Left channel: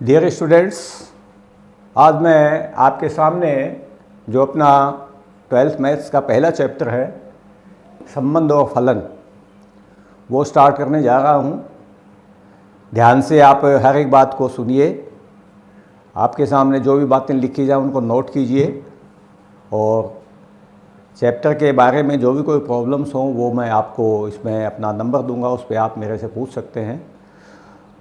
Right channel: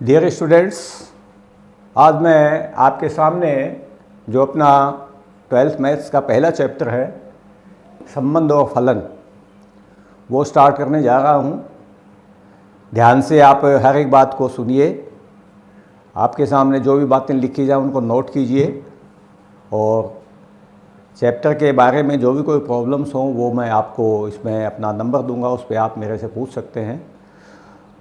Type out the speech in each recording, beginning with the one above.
Dear students, आज मैं आपके सामने जो अपना 12th मैथ्स का पहला चैप्टर है संबंध और फलन वो स्टार्ट करने जा रहा हूँ। ध्यान से आप हर एक बात को सुनिए। आपके सामने जो भी बातें लिखी जाए उनको नोट कीजिए और चैप्टर के बारे में जो भी कोई प्रॉब्लम्स हों वो मैं आपको इसमें अपना नंबर दूंगा, उस पर आप मेरे से पूछ सकते हैं।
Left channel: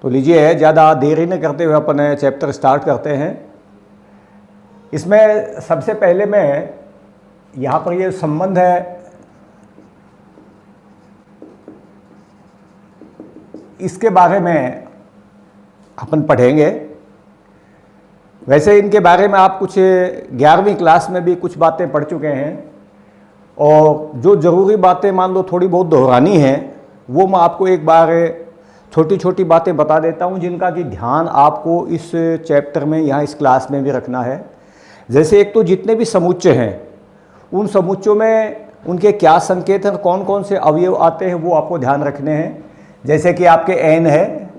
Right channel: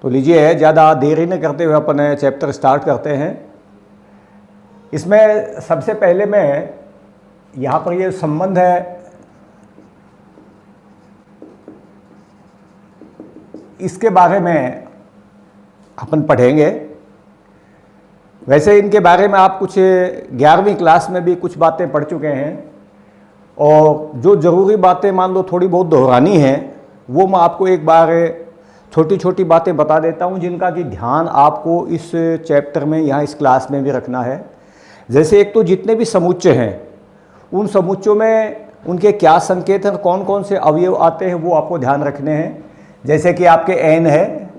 तो लीजिए, ज़्यादा देरी न करते हुए अपने चैप्टर स्टार्ट करते हैं। इसमें सबसे पहले मैं यहाँ पर ये संबंध है, इसके बारे में अपन पढ़ेंगे। वैसे इनके बारे में आप कुछ 11वीं क्लास में भी कुछ बातें पढ़ चुके हैं और जो ज़रूरी बातें मान लो थोड़ी बहुत दोहरानी हैं वो मैं आपको एक बार छोटी छोटी बातें बता देता हूं जिनका कि ध्यान आपको इस चैप्टर में यहाँ इस क्लास में भी रखना है। जैसे एक तो जितने भी समुच्चय हैं उन समुच्चयों में उनके क्या संकेत हैं, कौन कौन से अवयव आते हैं वो आपको ध्यान रखने हैं। जैसे कि आपके n है,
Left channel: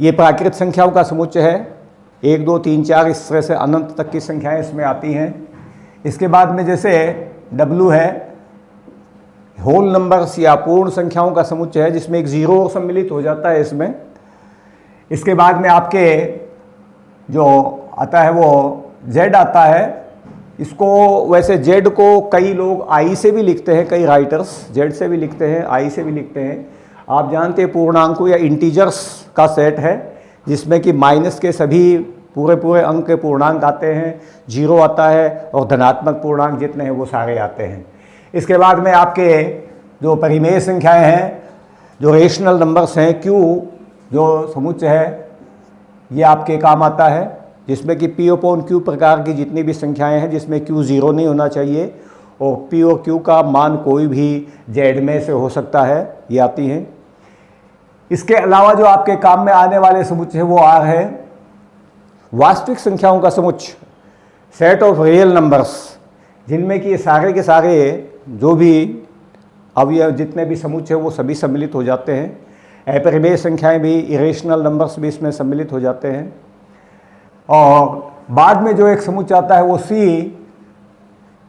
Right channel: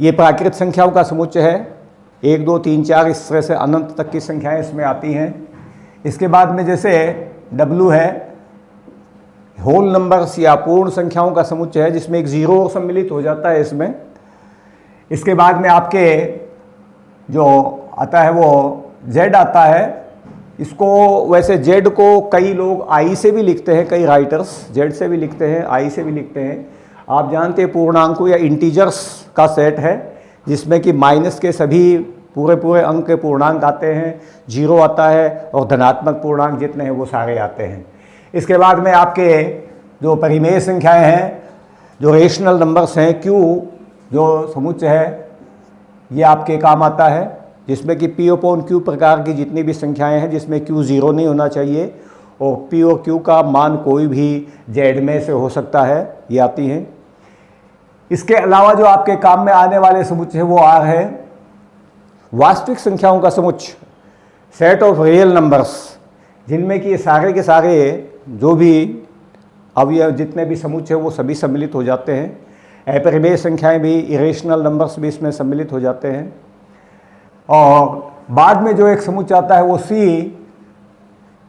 ये प्राकृत संख्याओं का समुच्चय है, 1 2 3 4 इस तरह से अनंत तक की संख्याएं इसमें आती हैं। इसके बाद में जैसे w है, होल नंबर्स या पूर्ण संख्याओं का समुच्चय है जिसमें एक जीरो सम्मिलित हो जाता है इसमें। इसके बाद में आपके जो आता है वो z आता है। इसको वैसे z को कई लोग i से भी लिखते हैं, कई राइटर्स z से भी लिखते हैं, i से भी लिखते हैं। आप जानते हैं पूर्णांकों या इंटीजर्स का सेट है जिसमें कि माइनस के सभी पूरे अंक के पूर्णांक आते हैं, जीरो आता है और धनात्मक पूर्णांक जितने हैं वो सारे आते हैं। इसके बाद में आपके जो परिमेय संख्याएं हैं, जो रेशनल नंबर्स हैं, q जो समुच्चय है ये आपके काम आता है जिसमें कि p/q प्रकार की जितनी भी संख्याएं हैं जिसमें q ज़ीरो नहीं होना चाहिए और p और q का मान कोई भी z में से हो सकता है, ये आती हैं। इसके अलावा जो आपके काम में आने वाले समुच्चय है वो r है, वास्तविक संख्याओं का समुच्चय, सेट ऑफ रियल नंबर्स, जिनमें कि सारे के सारे जो भी अवयव जितने भी समुच्चय वो सभी सम्मिलित हो जाते हैं। अपरिमेय संख्याएं भी, इरेशनल नंबर्स भी इसमें सम्मिलित हो जाते हैं। और बाद में जो एक समुच्चय आता है वो C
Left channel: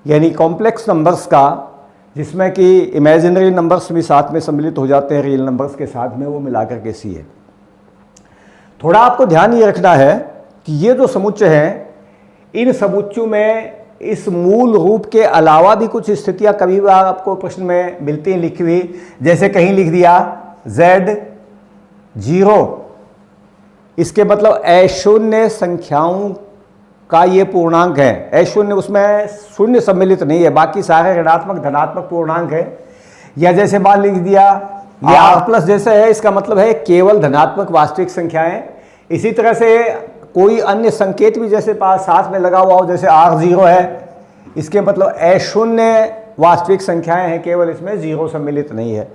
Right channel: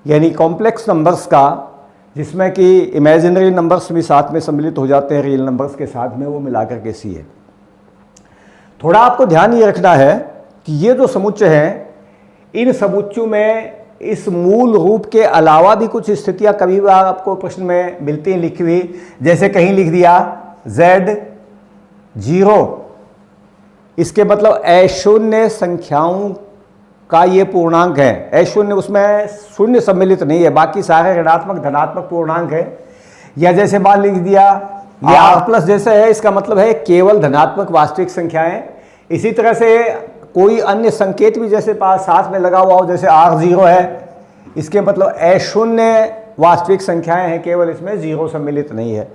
यानी कॉम्प्लेक्स नंबर्स का, जिसमें कि इमेजिनरी नंबर्स भी साथ में सम्मिलित हो जाते हैं रियल नंबर्स के साथ में, वो मिलाकर के C है। थोड़ा आपको ध्यान ये रखना है कि ये जो समुच्चय हैं इन समुच्चयों में इस मूल रूप के अलावा भी कुछ स्थितियां कभी बार आपको प्रश्न में मिलती हैं लिखी हुई। जैसे कहीं लिख दिया z 0, इसके मतलब अशून्य संख्याओं का ये पूर्णांक है। अशून्य, उसमें शून्य सम्मिलित नहीं है, बाकी सारे ऋणात्मक धनात्मक पूर्णांक है। या जैसे मान लिख दिया ये r+ जैसे है, इसका मतलब है केवल धनात्मक वास्तविक संख्याएं। इसी तरह से कोई अन्य संकेत भी जैसे पास साथ में लगा हुआ हो, जैसे r0 है, इसके मतलब अशून्य वास्तविक संख्याएं हैं, केवल इसमें जीरो सम्मिलित नहीं है।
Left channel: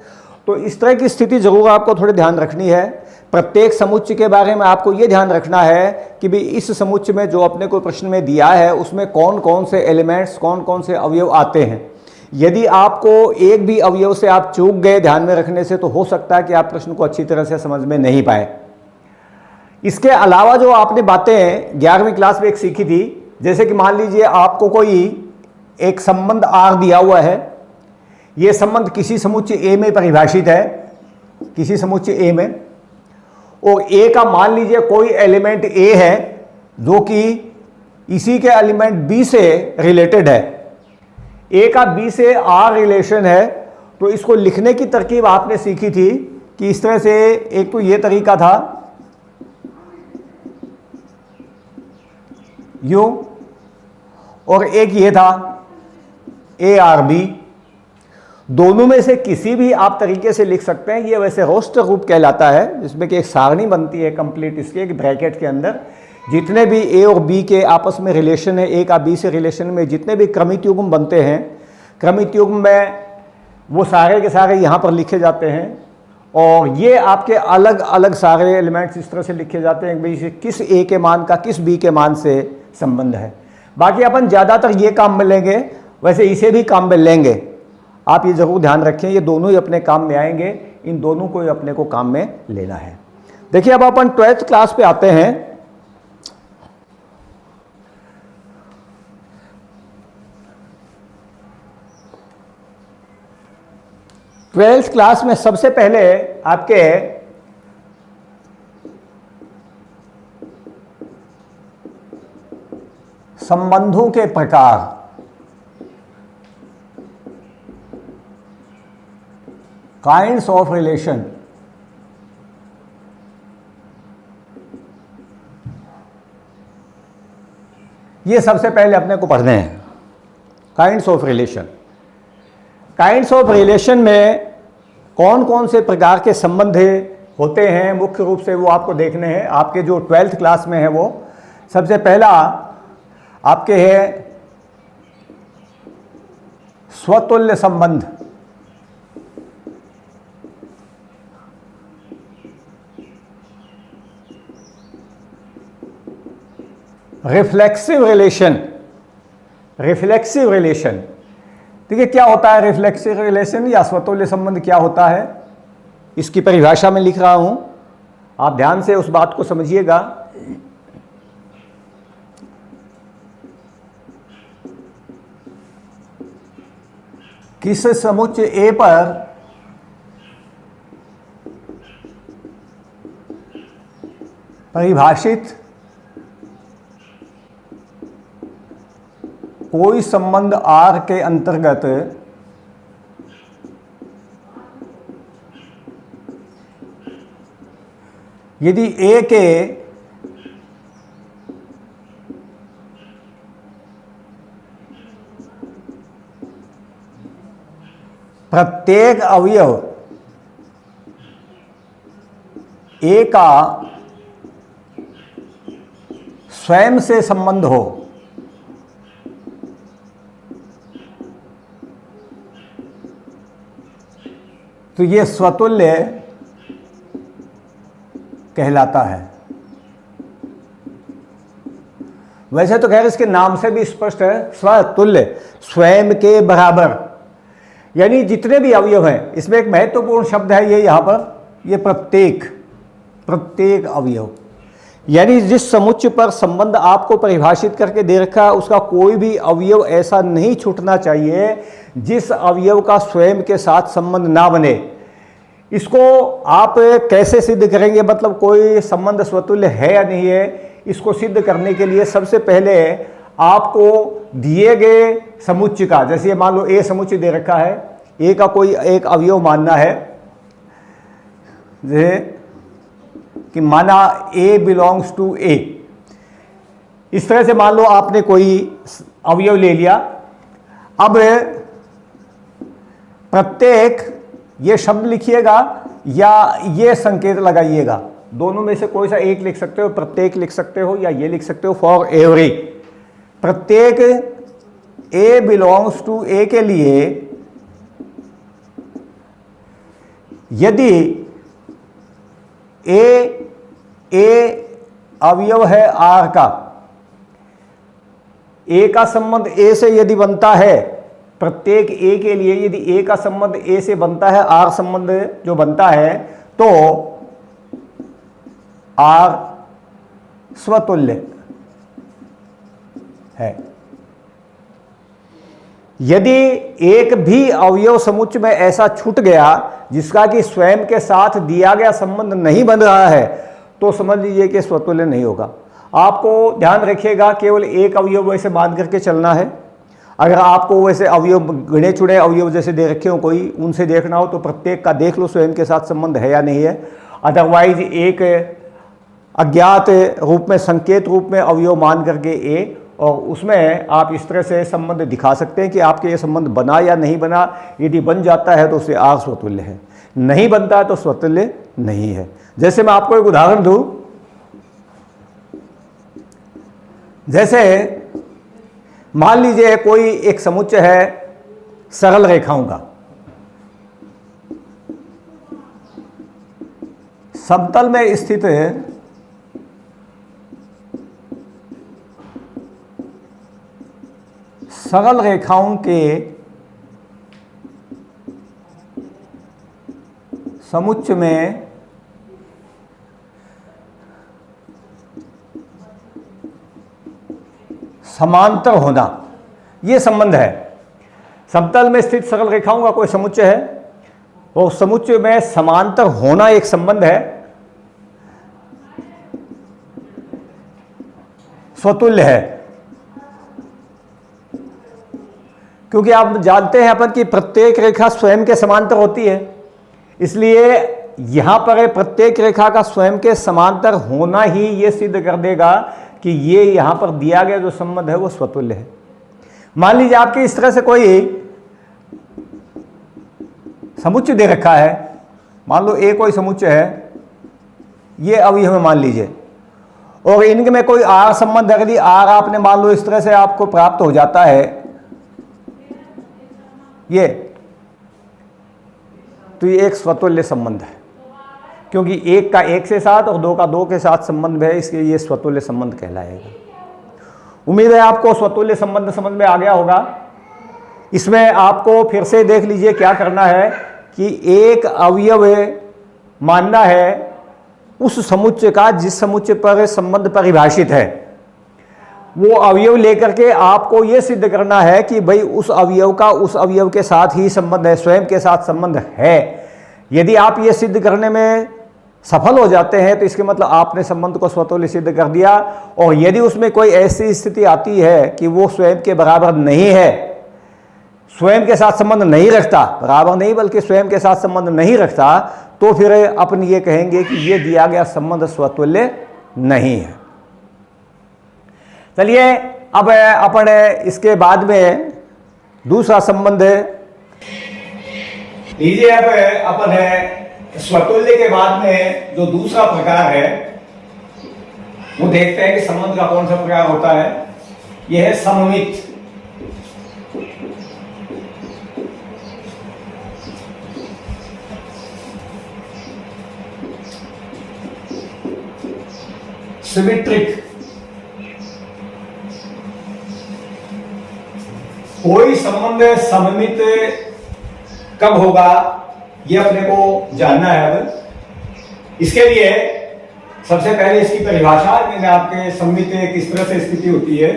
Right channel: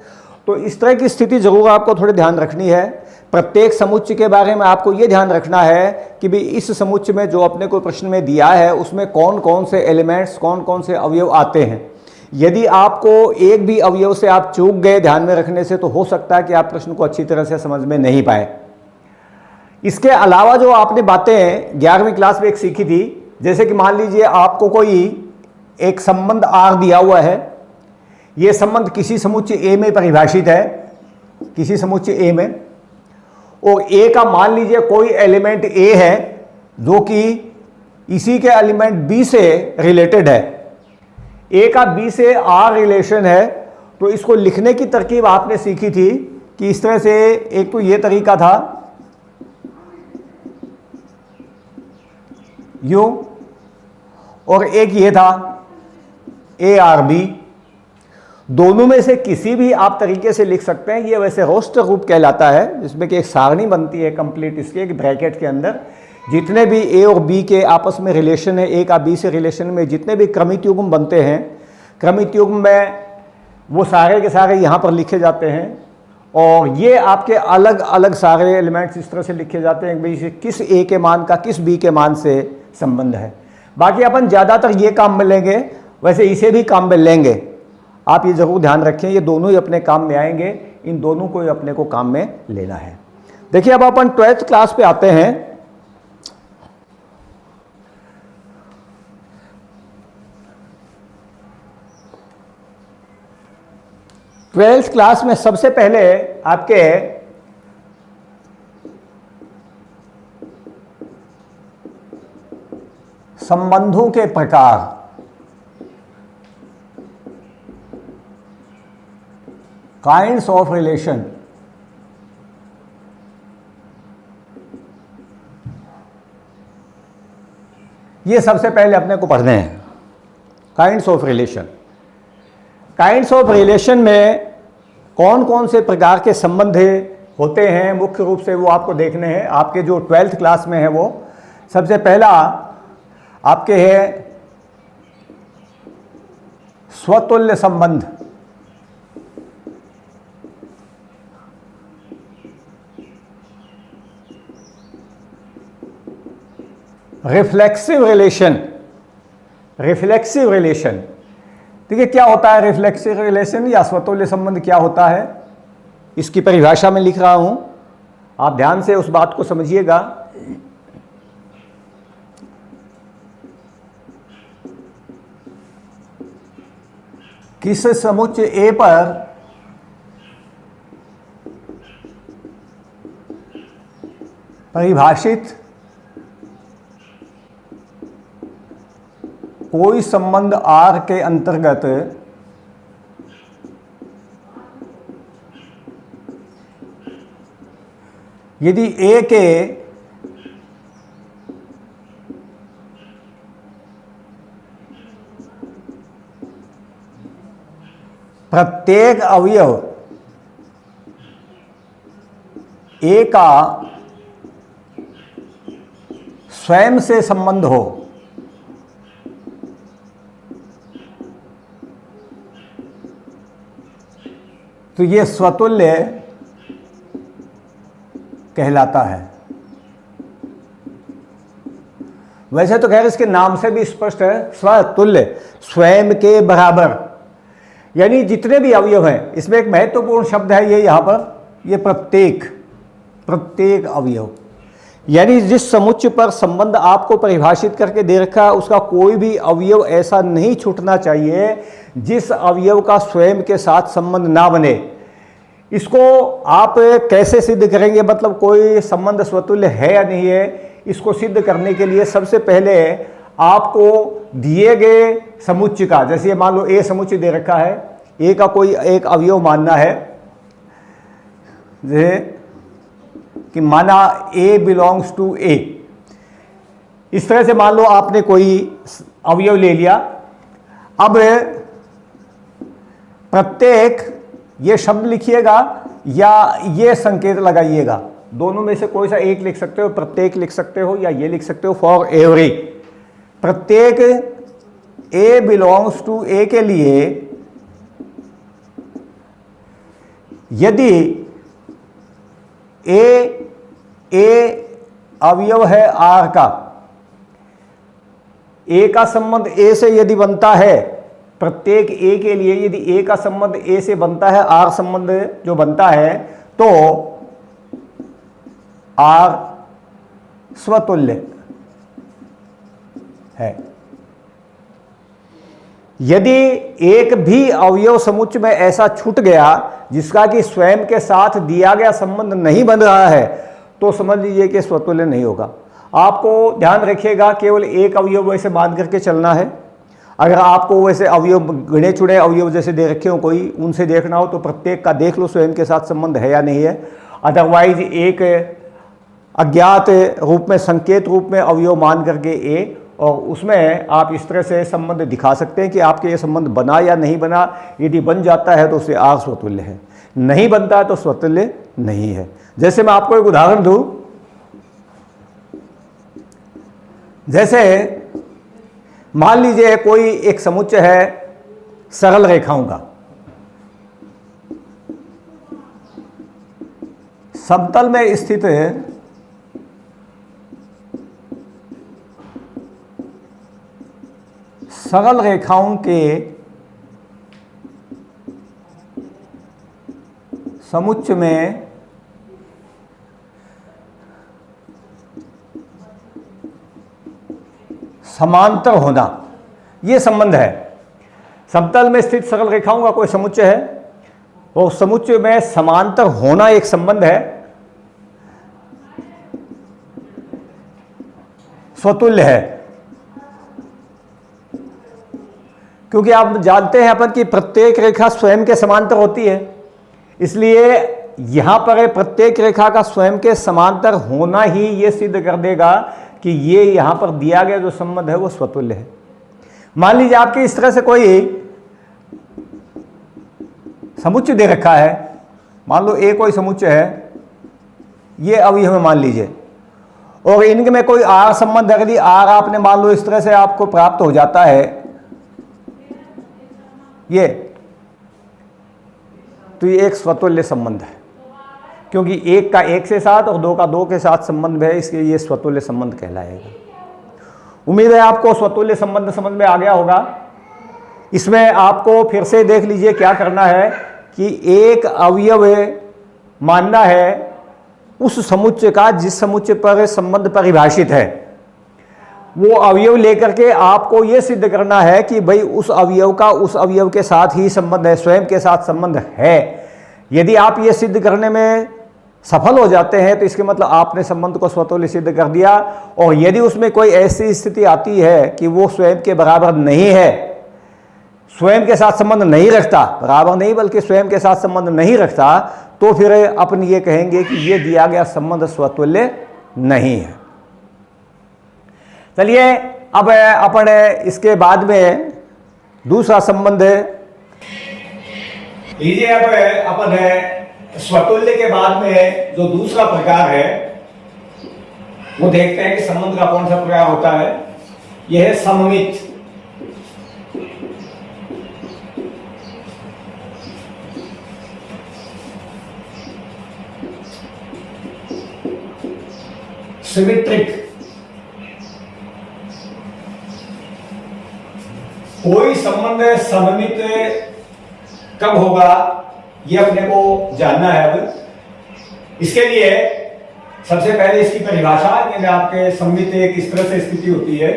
तो इस तरह की स्थिति जरूर आपको थोड़ी ध्यान रखनी है। प्रत्येक समुच्चय के बारे में आपको ये ध्यान रखना है कि भी इस समुच्चय में जो अपने को प्रश्न में दिया है उसमें कौन कौन से एलिमेंट्स, कौन कौन से अवयव आते हैं। यदि आपको एक भी अवयव से आप चूक गए ध्यान में रखने से तो हो सकता है कि आप प्रश्न को अच्छी तरह से समझ में नहीं पाए। इसके अलावा जो आपने बातें 11वीं क्लास में एक सीखी थी, जैसे कि मान लीजिए आपको कोई एक संबंध R दिया हुआ है, ये संबंध किसी समुच्चय A में परिभाषित है, किसी समुच्चय A में, और A का मान लीजिए कोई एलिमेंट A है जो कि इसी के एलिमेंट B से रिलेटेड है। A का B से R रिलेशन है, तो इसको लिखने की तरकीब आपने सीखी थी कि इस तरह से एक तो ये तरीका था यूं, और एक ये था ARB। दोनों में से किसी भी आप तरीके से लिख सकते हैं। ये वैसे रोस्टर रूप कहलाता है जिसमें कि एक सारणी बनती है कंप्लीट, इसके एक ब्रैकेट के अंदर जितने भी A और B के आपस में रिलेशन है, A का B से रिलेशन में जितने भी क्रमित युग्म बनते हैं, क्रमित युग्म में वो सारे के सारे यहाँ पर लिखे जाते हैं। और ये आपके अलग अलग सारे एलिमेंट्स इस तरह से लिखे जाते हैं भाई किस A के मान का किस B के मान से संबंध है। बाकी अपन ज़्यादातर ये काम में लेंगे, वैसे इसे भी काम में लेंगे। आप ये जरूर ध्यान रखें, ये दोनों ही अपने काम में आएंगे, इन दोनों को ही अपने को काम में लेना है। देखिए अब अपन 12th क्लास पे आते हैं। ट्वेल्थ क्लास में सबसे पहले आपके संबंधों के प्रकार, काइंड्स ऑफ रिलेशन, ये सबसे पहले अपने को पढ़ने हैं। Kinds of relation, kinds of relation में कौन कौन से प्रकार के संबंध होते हैं मुख्य रूप से वो आपको देखने हैं। आपके जो 12th क्लास में है वो सबसे पहला आपके है स्वतुल्य संबंध। रिफ्लेक्सिव रिलेशन, रिफ्लेक्सिव रिलेशन, देखिए क्या होता है रिफ्लेक्सिव रिलेशन या स्वतुल्य संबंध क्या होता है, इसकी परिभाषा में लिख रहा हूं, आप ध्यान से उस बात को समझिएगा। किस समुच्चय ए पर परिभाषित कोई संबंध आर के अंतर्गत यदि ए के प्रत्येक अवयव ए का स्वयं से संबंध हो, तो ये स्वतुल्य कहलाता है। वैसे तो खैर इसके नाम से भी स्पष्ट है, स्वतुल्य, स्वयं के बराबर, यानी जितने भी अवयव हैं, इसमें एक महत्वपूर्ण शब्द है ये यहाँ पर, ये प्रत्येक, प्रत्येक अवयव, यानी जिस समुच्चय पर संबंध आपको परिभाषित करके दे रखा है उसका कोई भी अवयव ऐसा नहीं छूटना चाहिए जिस अवयव का स्वयं के साथ संबंध ना बने। इसको आप कैसे सिद्ध करेंगे, मतलब कोई संबंध स्वतुल्य है या नहीं है, इसको सिद्ध करने के लिए सबसे पहले आपको दिए गए समुच्चय का, जैसे मान लो ए समुच्चय दे रखा है, ए का कोई एक अवयव मानना है, जैसे कि माना ए बिलोंग्स टू ए, इस तरह से मान लो आपने कोई अवयव ले लिया। अब प्रत्येक, ये शब्द लिखिएगा या ये संकेत लगाइएगा, दोनों में से कोई सा एक लिख सकते हो, प्रत्येक लिख सकते हो या ये लिख सकते हो, फॉर एवरी। प्रत्येक ए बिलोंग्स टू ए के लिए यदि ए अवयव है आर का, ए का संबंध ए से यदि बनता है, प्रत्येक ए के लिए यदि ए का संबंध ए से बनता है, आर संबंध जो बनता है, तो आर स्वतुल्य है। यदि एक भी अवयव समुच्चय में ऐसा छूट गया जिसका कि स्वयं के साथ दिया गया संबंध नहीं बन रहा है, तो समझ लीजिए कि स्वतुल्य नहीं होगा। आपको ध्यान रखिएगा, केवल एक अवयव वैसे मान करके चलना है। अगर आपको वैसे अवयव गिने चुने अवयव जैसे दे रखे हो कोई, उनसे देखना हो तो प्रत्येक का देख लो स्वयं के साथ संबंध है या नहीं है। अदरवाइज एक अज्ञात रूप में, संकेत रूप में अवयव मान करके ए, और उसमें आप इस तरह से संबंध दिखा सकते हैं कि आपके ये संबंध बना या नहीं बना। यदि बन जाता है तो उससे आर स्वतुल्य है, नहीं बनता है तो स्वतुल्य नहीं है। जैसे मैं आपको एक उदाहरण दूं, जैसे मान लीजिए कोई एक समुच्चय है सरल रेखाओं का, समतल में स्थित सरल रेखाओं के समुच्चय में समांतर होना, ये संबंध है। समतल में स्थित सरल रेखाओं का कोई समुच्चय है और समुच्चय में समांतर होना एक संबंध है, स्वतुल्य है। क्योंकि आप जानते हैं अपन कि प्रत्येक रेखा स्वयं के समांतर होती है, इसलिए यहां पर प्रत्येक रेखा का स्वयं के समांतर होना ही यह सिद्ध कर देगा कि ये यहां पर दिया गया जो संबंध है वो स्वतुल्य है। मान लीजिए आपके इस तरह से कोई समुच्चय दे रखा है, मान लो ए कोई समुच्चय है, ये अवयव में मान लीजिए, और इनके में कोई आर संबंध है। यदि आर आपने मान लो इस तरह से आपको प्राप्त हो जाता है ये, तो ये एक स्वतुल्य संबंध है, क्योंकि एक का एक से साथ और दो का दो के साथ संबंध है, इसलिए ये स्वतुल्य संबंध कहलाएगा। उम्मीद है आपको स्वतुल्य संबंध समझ में आ गया होगा। इसमें आपको फिर से देख लीजिए क्या करना है कि एक अवयव मानना है उस समुच्चय का जिस समुच्चय पर संबंध परिभाषित है। वो अवयव लेकर के आपको यह सिद्ध करना है कि भाई उस अवयव का उस अवयव के साथ ही संबंध है, स्वयं के साथ संबंध है। यदि आप ये सिद्ध करने में सफल हो जाते हैं तो इसके मतलब आपने संबंध को स्वतुल्य सिद्ध कर दिया। और यदि उसमें कोई ऐसी स्थिति आती है कि वो स्वयं के बराबर नहीं है, स्वयं के साथ संबंध नहीं रखता, बराबर नहीं बल्कि स्वयं के साथ संबंध नहीं रखता, तो फिर अपन ये कहेंगे कि ये दिया गया संबंध स्वतुल्य नहीं है। चलिए अब अपन इसके बाद में दूसरा संबंध लीजिए। अब अपन स्वतुल्य के बाद में जो दूसरा प्रकार है वो देखते हैं कि संबंध का कौन सा प्रकार होता है। यह है सममित। सिमेट्रिक। कोई संबंध सममित कब होगा ये अपने को जानना है। अब इसके लिए सबसे पहले इसकी परिभाषा मैंने आपके सममित किस तरह से स्थिति होती है।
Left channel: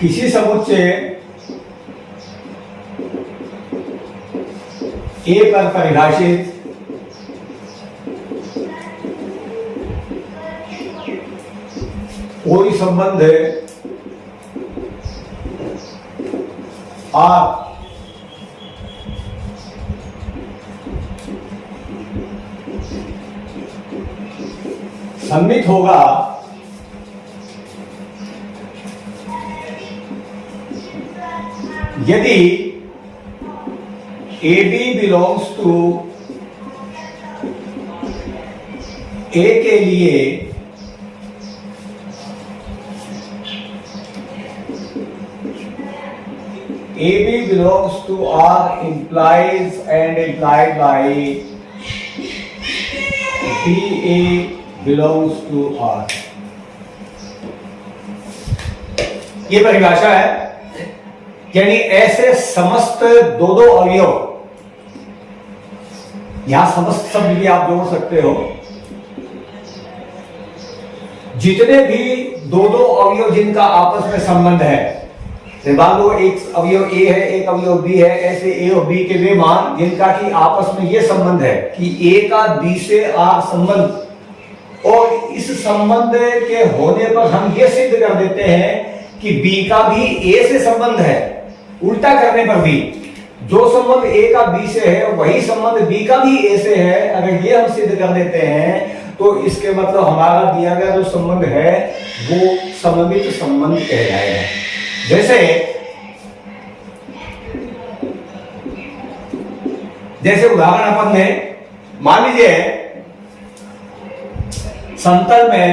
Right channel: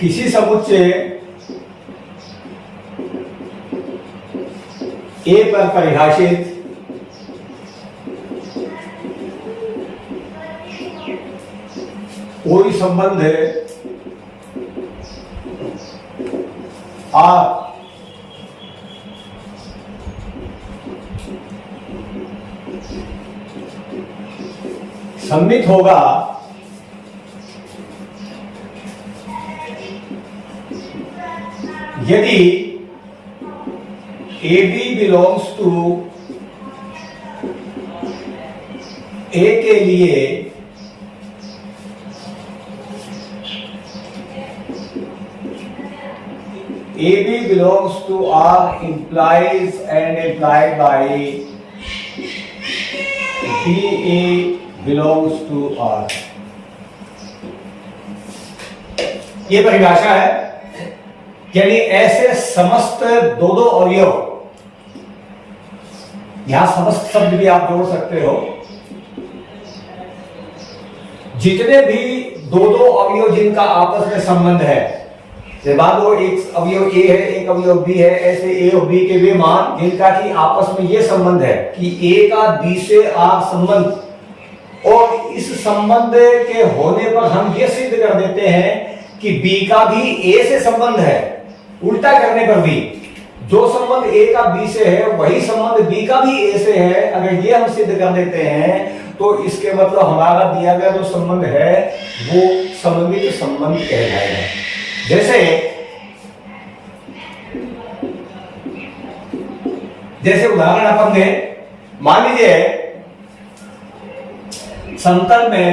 किसी समुच्चय ए पर परिभाषित कोई संबंध आर सममित होगा यदि AB बिलोंग्स टू A के लिए AB belongs to R implies and implied by BA belongs to R। ये परिभाषा है, यानी ऐसे समस्त दो दो अवयव, यहां समस्त शब्द भी आप जोड़ सकते हो, जितने भी दो दो अवयव जिनका आपस में संबंध है, मान लो एक अवयव ए है एक अवयव बी है, ऐसे ए और बी के वे मान जिनका कि आपस में ये संबंध है कि ए का बी से आर संबंध, और इस संबंध के होने पर हम ये सिद्ध कर देते हैं कि बी का भी ए से संबंध है। उल्टा करने पर भी जो संबंध ए का बी से है वही संबंध बी का भी ए से है। अगर ये हम सिद्ध कर देते हैं तो इसके मतलब हमारा दिया गया जो संबंध है वो सममित संबंध कहलाएगा। जैसे उदाहरण अपन ने मान लीजिए समतल में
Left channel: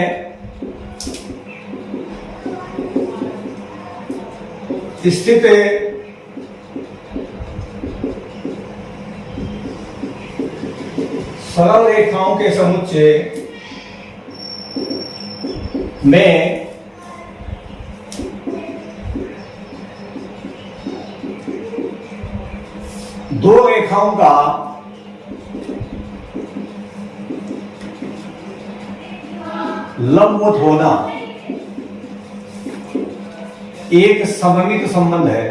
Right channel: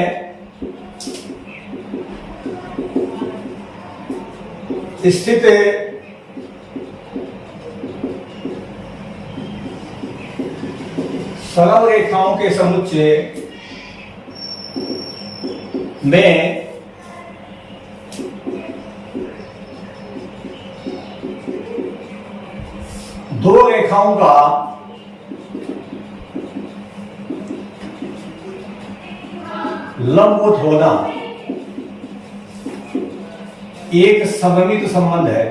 स्थित सरल रेखाओं के समुच्चय में दो रेखाओं का लंबवत होना एक सममित संबंध है।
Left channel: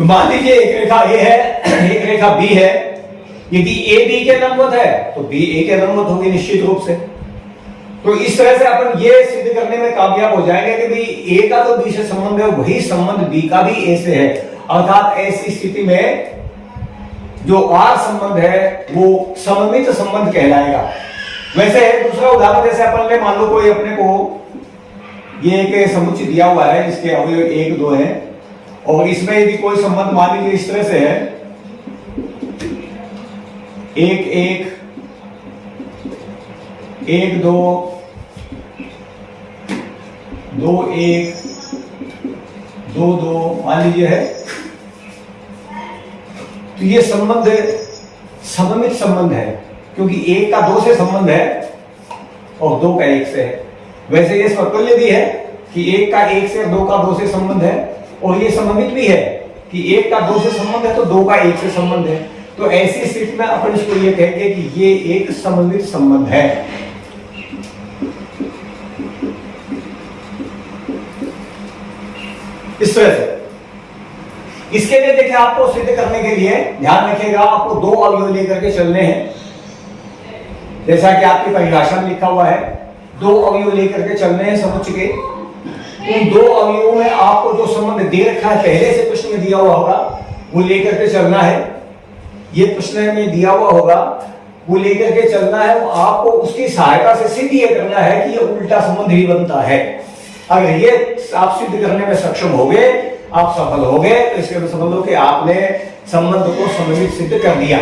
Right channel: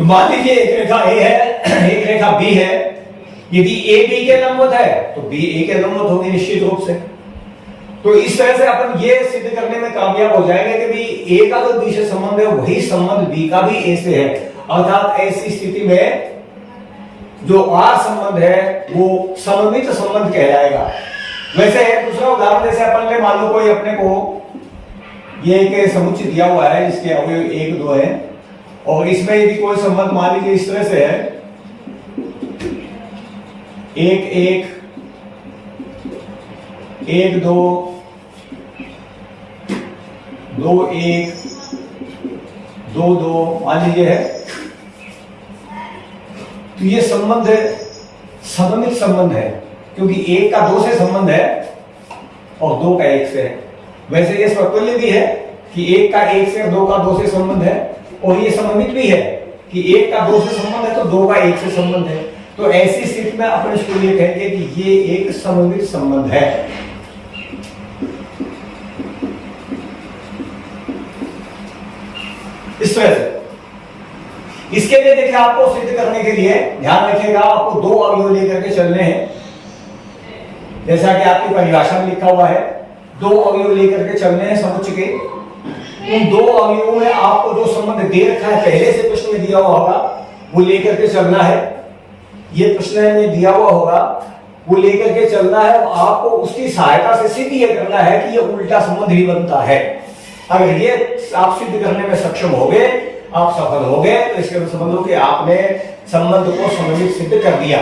मान लीजिए एक रेखा ए है, एक रेखा बी है। यदि ए बी के लंबवत है तो बी ए के लंबवत होगी निश्चित रूप से। तो इस तरह से अपन ये सिद्ध करने में कामयाब हो जाएंगे कि भाई ए का जो बी से संबंध है वही संबंध बी का भी ए से है। अर्थात ऐसी स्थिति में जो आर संबंध है वो सममित संबंध कहलाएगा। वैसे दूसरा उदाहरण जैसे अपन ने मान लो कोई अपने को ये एक समुच्चय दिया हुआ है, इसके अवयव 1 2 है और इसमें यदि कोई संबंध मान लीजिए इस तरह से है 1 1 1 2 2 1 2 2 मान लीजिए है, तो ये संबंध सममित संबंध है क्योंकि 1 का 2 से संबंध है और 2 का 1 से है। वैसे ये स्वतुल्य भी है कि 1 का 1 से 2 का 2 से संबंध है और ये सममित भी है कि 1 का 2 से संबंध है तो 2 का 1 से संबंध है। तो ऐसी स्थिति में अपन इसको ये कहेंगे कि ये एक सममित संबंध है। इस तरह से इसके लिए देखिए आपको सिद्ध करने के लिए ध्यान रखिएगा, आपको 2 अवयव लेकर के चलने हैं। जैसा कि आपकी परिभाषा में लिखा हुआ है 2 अवयव लेकर के चलने हैं समुच्चय के। इन 2 अवयवों में आपको जो संबंध दे रखा है पहले से प्रश्न में दिया हुआ होगा वो लेकर के चलना है। ये प्रश्न में दिया हुआ होगा वो लेकर के चलना है। आपको उसकी सहायता से सिद्ध ये करना है कि ये उल्टा संबंध ही बनता है। अगर ये आप सिद्ध करने में सक्षम हो गए, आप सफल हो गए, तो इसके समझ लो कि आपने संबंध को सममित सिद्ध कर दिया।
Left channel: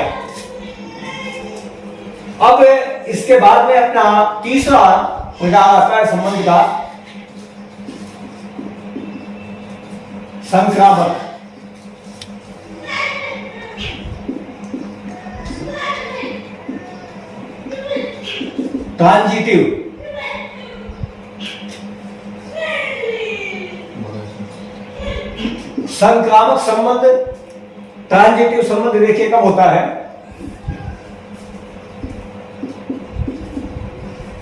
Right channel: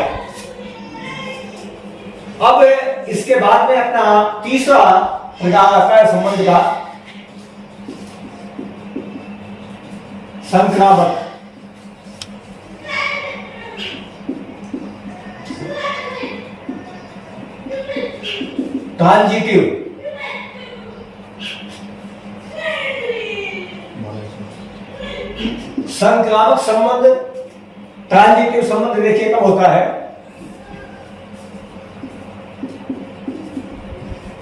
अब इसके बाद में अपना तीसरा प्रकार आता है संबंध का संक्रामक। ट्रांजिटिव। संक्रामक संबंध, ट्रांजिटिव संबंध देखिए कब होता है,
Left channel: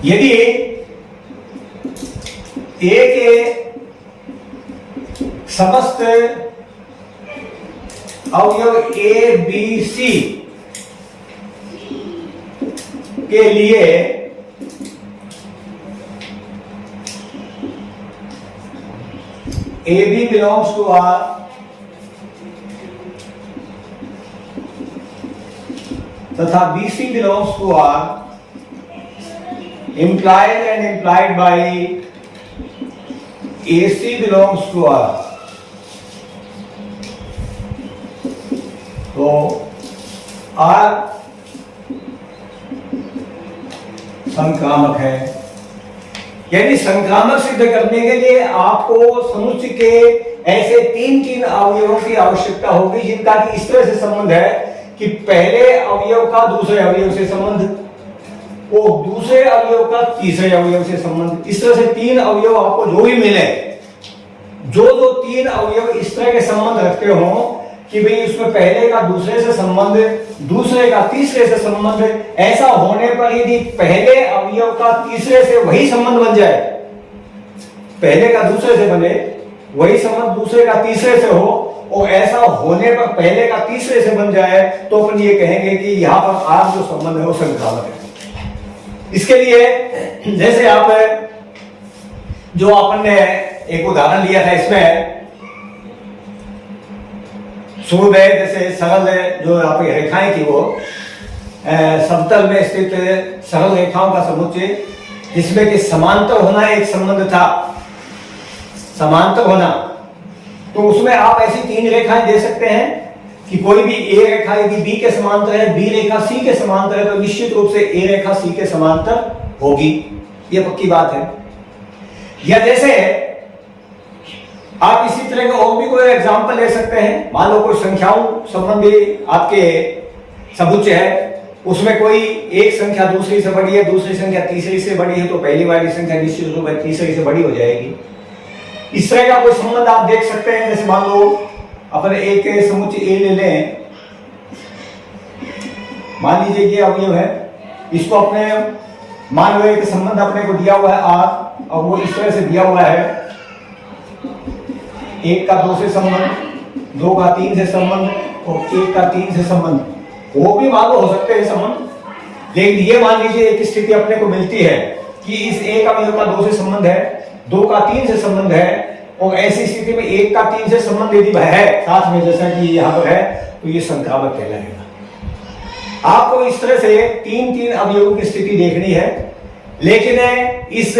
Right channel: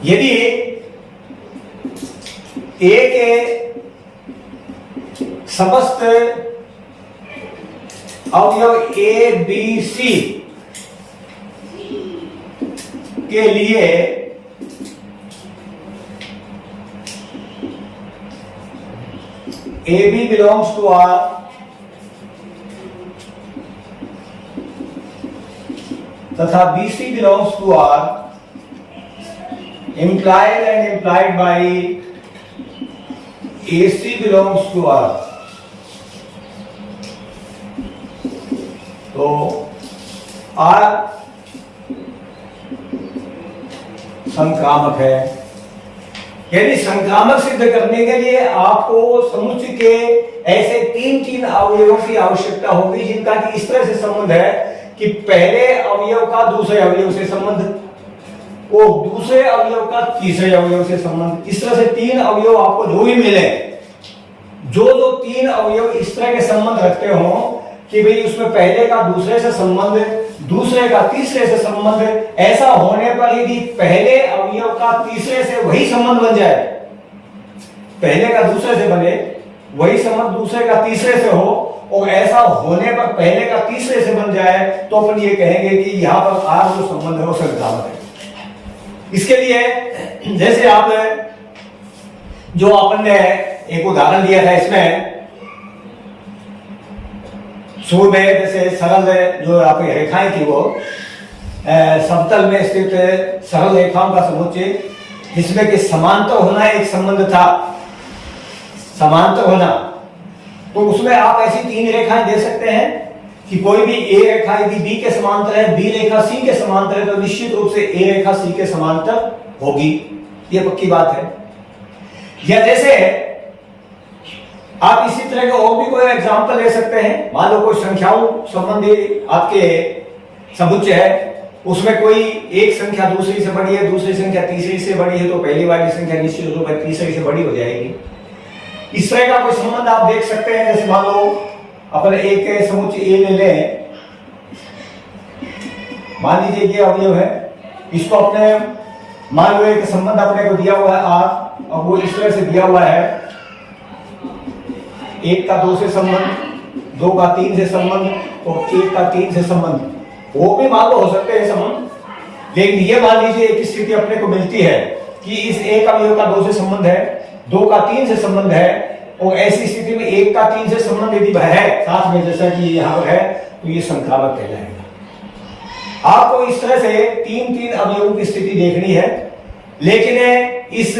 यदि ए के समस्त अवयव ए बी सी के लिए A B belongs to R तथा B C belongs to R, implied and implied by AC belongs to R, तो R संक्रामक है। यानी संक्रामक सिद्ध करने के लिए आपको समुच्चय के ऐसे 3 अवयवों की आवश्यकता होगी जिनका कि इस तरह से संबंध है कि पहले अवयव का दूसरे अवयव से संबंध, वो दूसरे अवयव का तीसरे अवयव से संबंध। इस तरह से 3 अवयव आपको जो भी मिले, जो 3 अवयव इस तरह के संबंध रखते हो कि भाई उसमें पहले का दूसरे से संबंध, दूसरे का तीसरे से संबंध, ऐसा होने पर यदि पहले अवयव का तीसरे से वही संबंध बन जाए, पहले का दूसरे से बने वही संबंध दूसरे का तीसरे से हो और ऐसा होने पर पहले का तीसरे से बन जाए, तो अपन ये कहेंगे कि यहां पर आर जो संबंध है वो संक्रामक है। इसके लिए जैसे आप जो अपन ने एक उदाहरण लिया था, इसमें शुरू में जैसे सरल जो आपकी रेखाएं थी वो समतल में स्थित सरल रेखाओं का समुच्चय जिसमें कि समांतर होना एक संबंध था, समांतर होना, तो उसमें आप ऐसी 3 रेखाएं दे सकते हैं कि कोई भी ए रेखा यदि बी के समांतर है, बी रेखा सी के समांतर है, तो निश्चित रूप से ए रेखा सी के समांतर होगी, ये पक्की बात है। या जैसे आप इसी तरह के और भी कोई एग्जांपल ले सकते हैं। मान लो कोई संख्याओं संबंधी आपके समुच्चय है, उसमें कोई एक संख्या दूसरी से बड़ी है, दूसरी संख्या तीसरी से बड़ी है, तो पहली वाली संख्या निश्चित रूप से तीसरी से बड़ी हो जाएगी। इस तरह का कोई संबंध आप देख सकते हैं। जैसे मान लो अपन एक समुच्चय ए ले लें, मान लीजिए ये अवयव है, इसको अपने मान लो एक संबंध अपने को दिया हुआ है आर, और वो इस तरह से दिया हुआ है 1 का 2 से संबंध, 2 का 3 से संबंध और 1 का 3 से संबंध। वो भी मान लो हो सकते हैं संबंध, लेकिन ये मान लीजिए एक स्थिति अपने को मिलती है कि इस एक अवयव का 2 से संबंध है, 2 का 3 से संबंध है, और ऐसी स्थिति में 1 का 3 से संबंध यदि वह है साथ में, जैसा कि यहाँ पर है, तो ये संक्रामक कहलाएगा। आपको इस तरह से 3-3 अवयवों की स्थिति देखनी है, लेकिन इस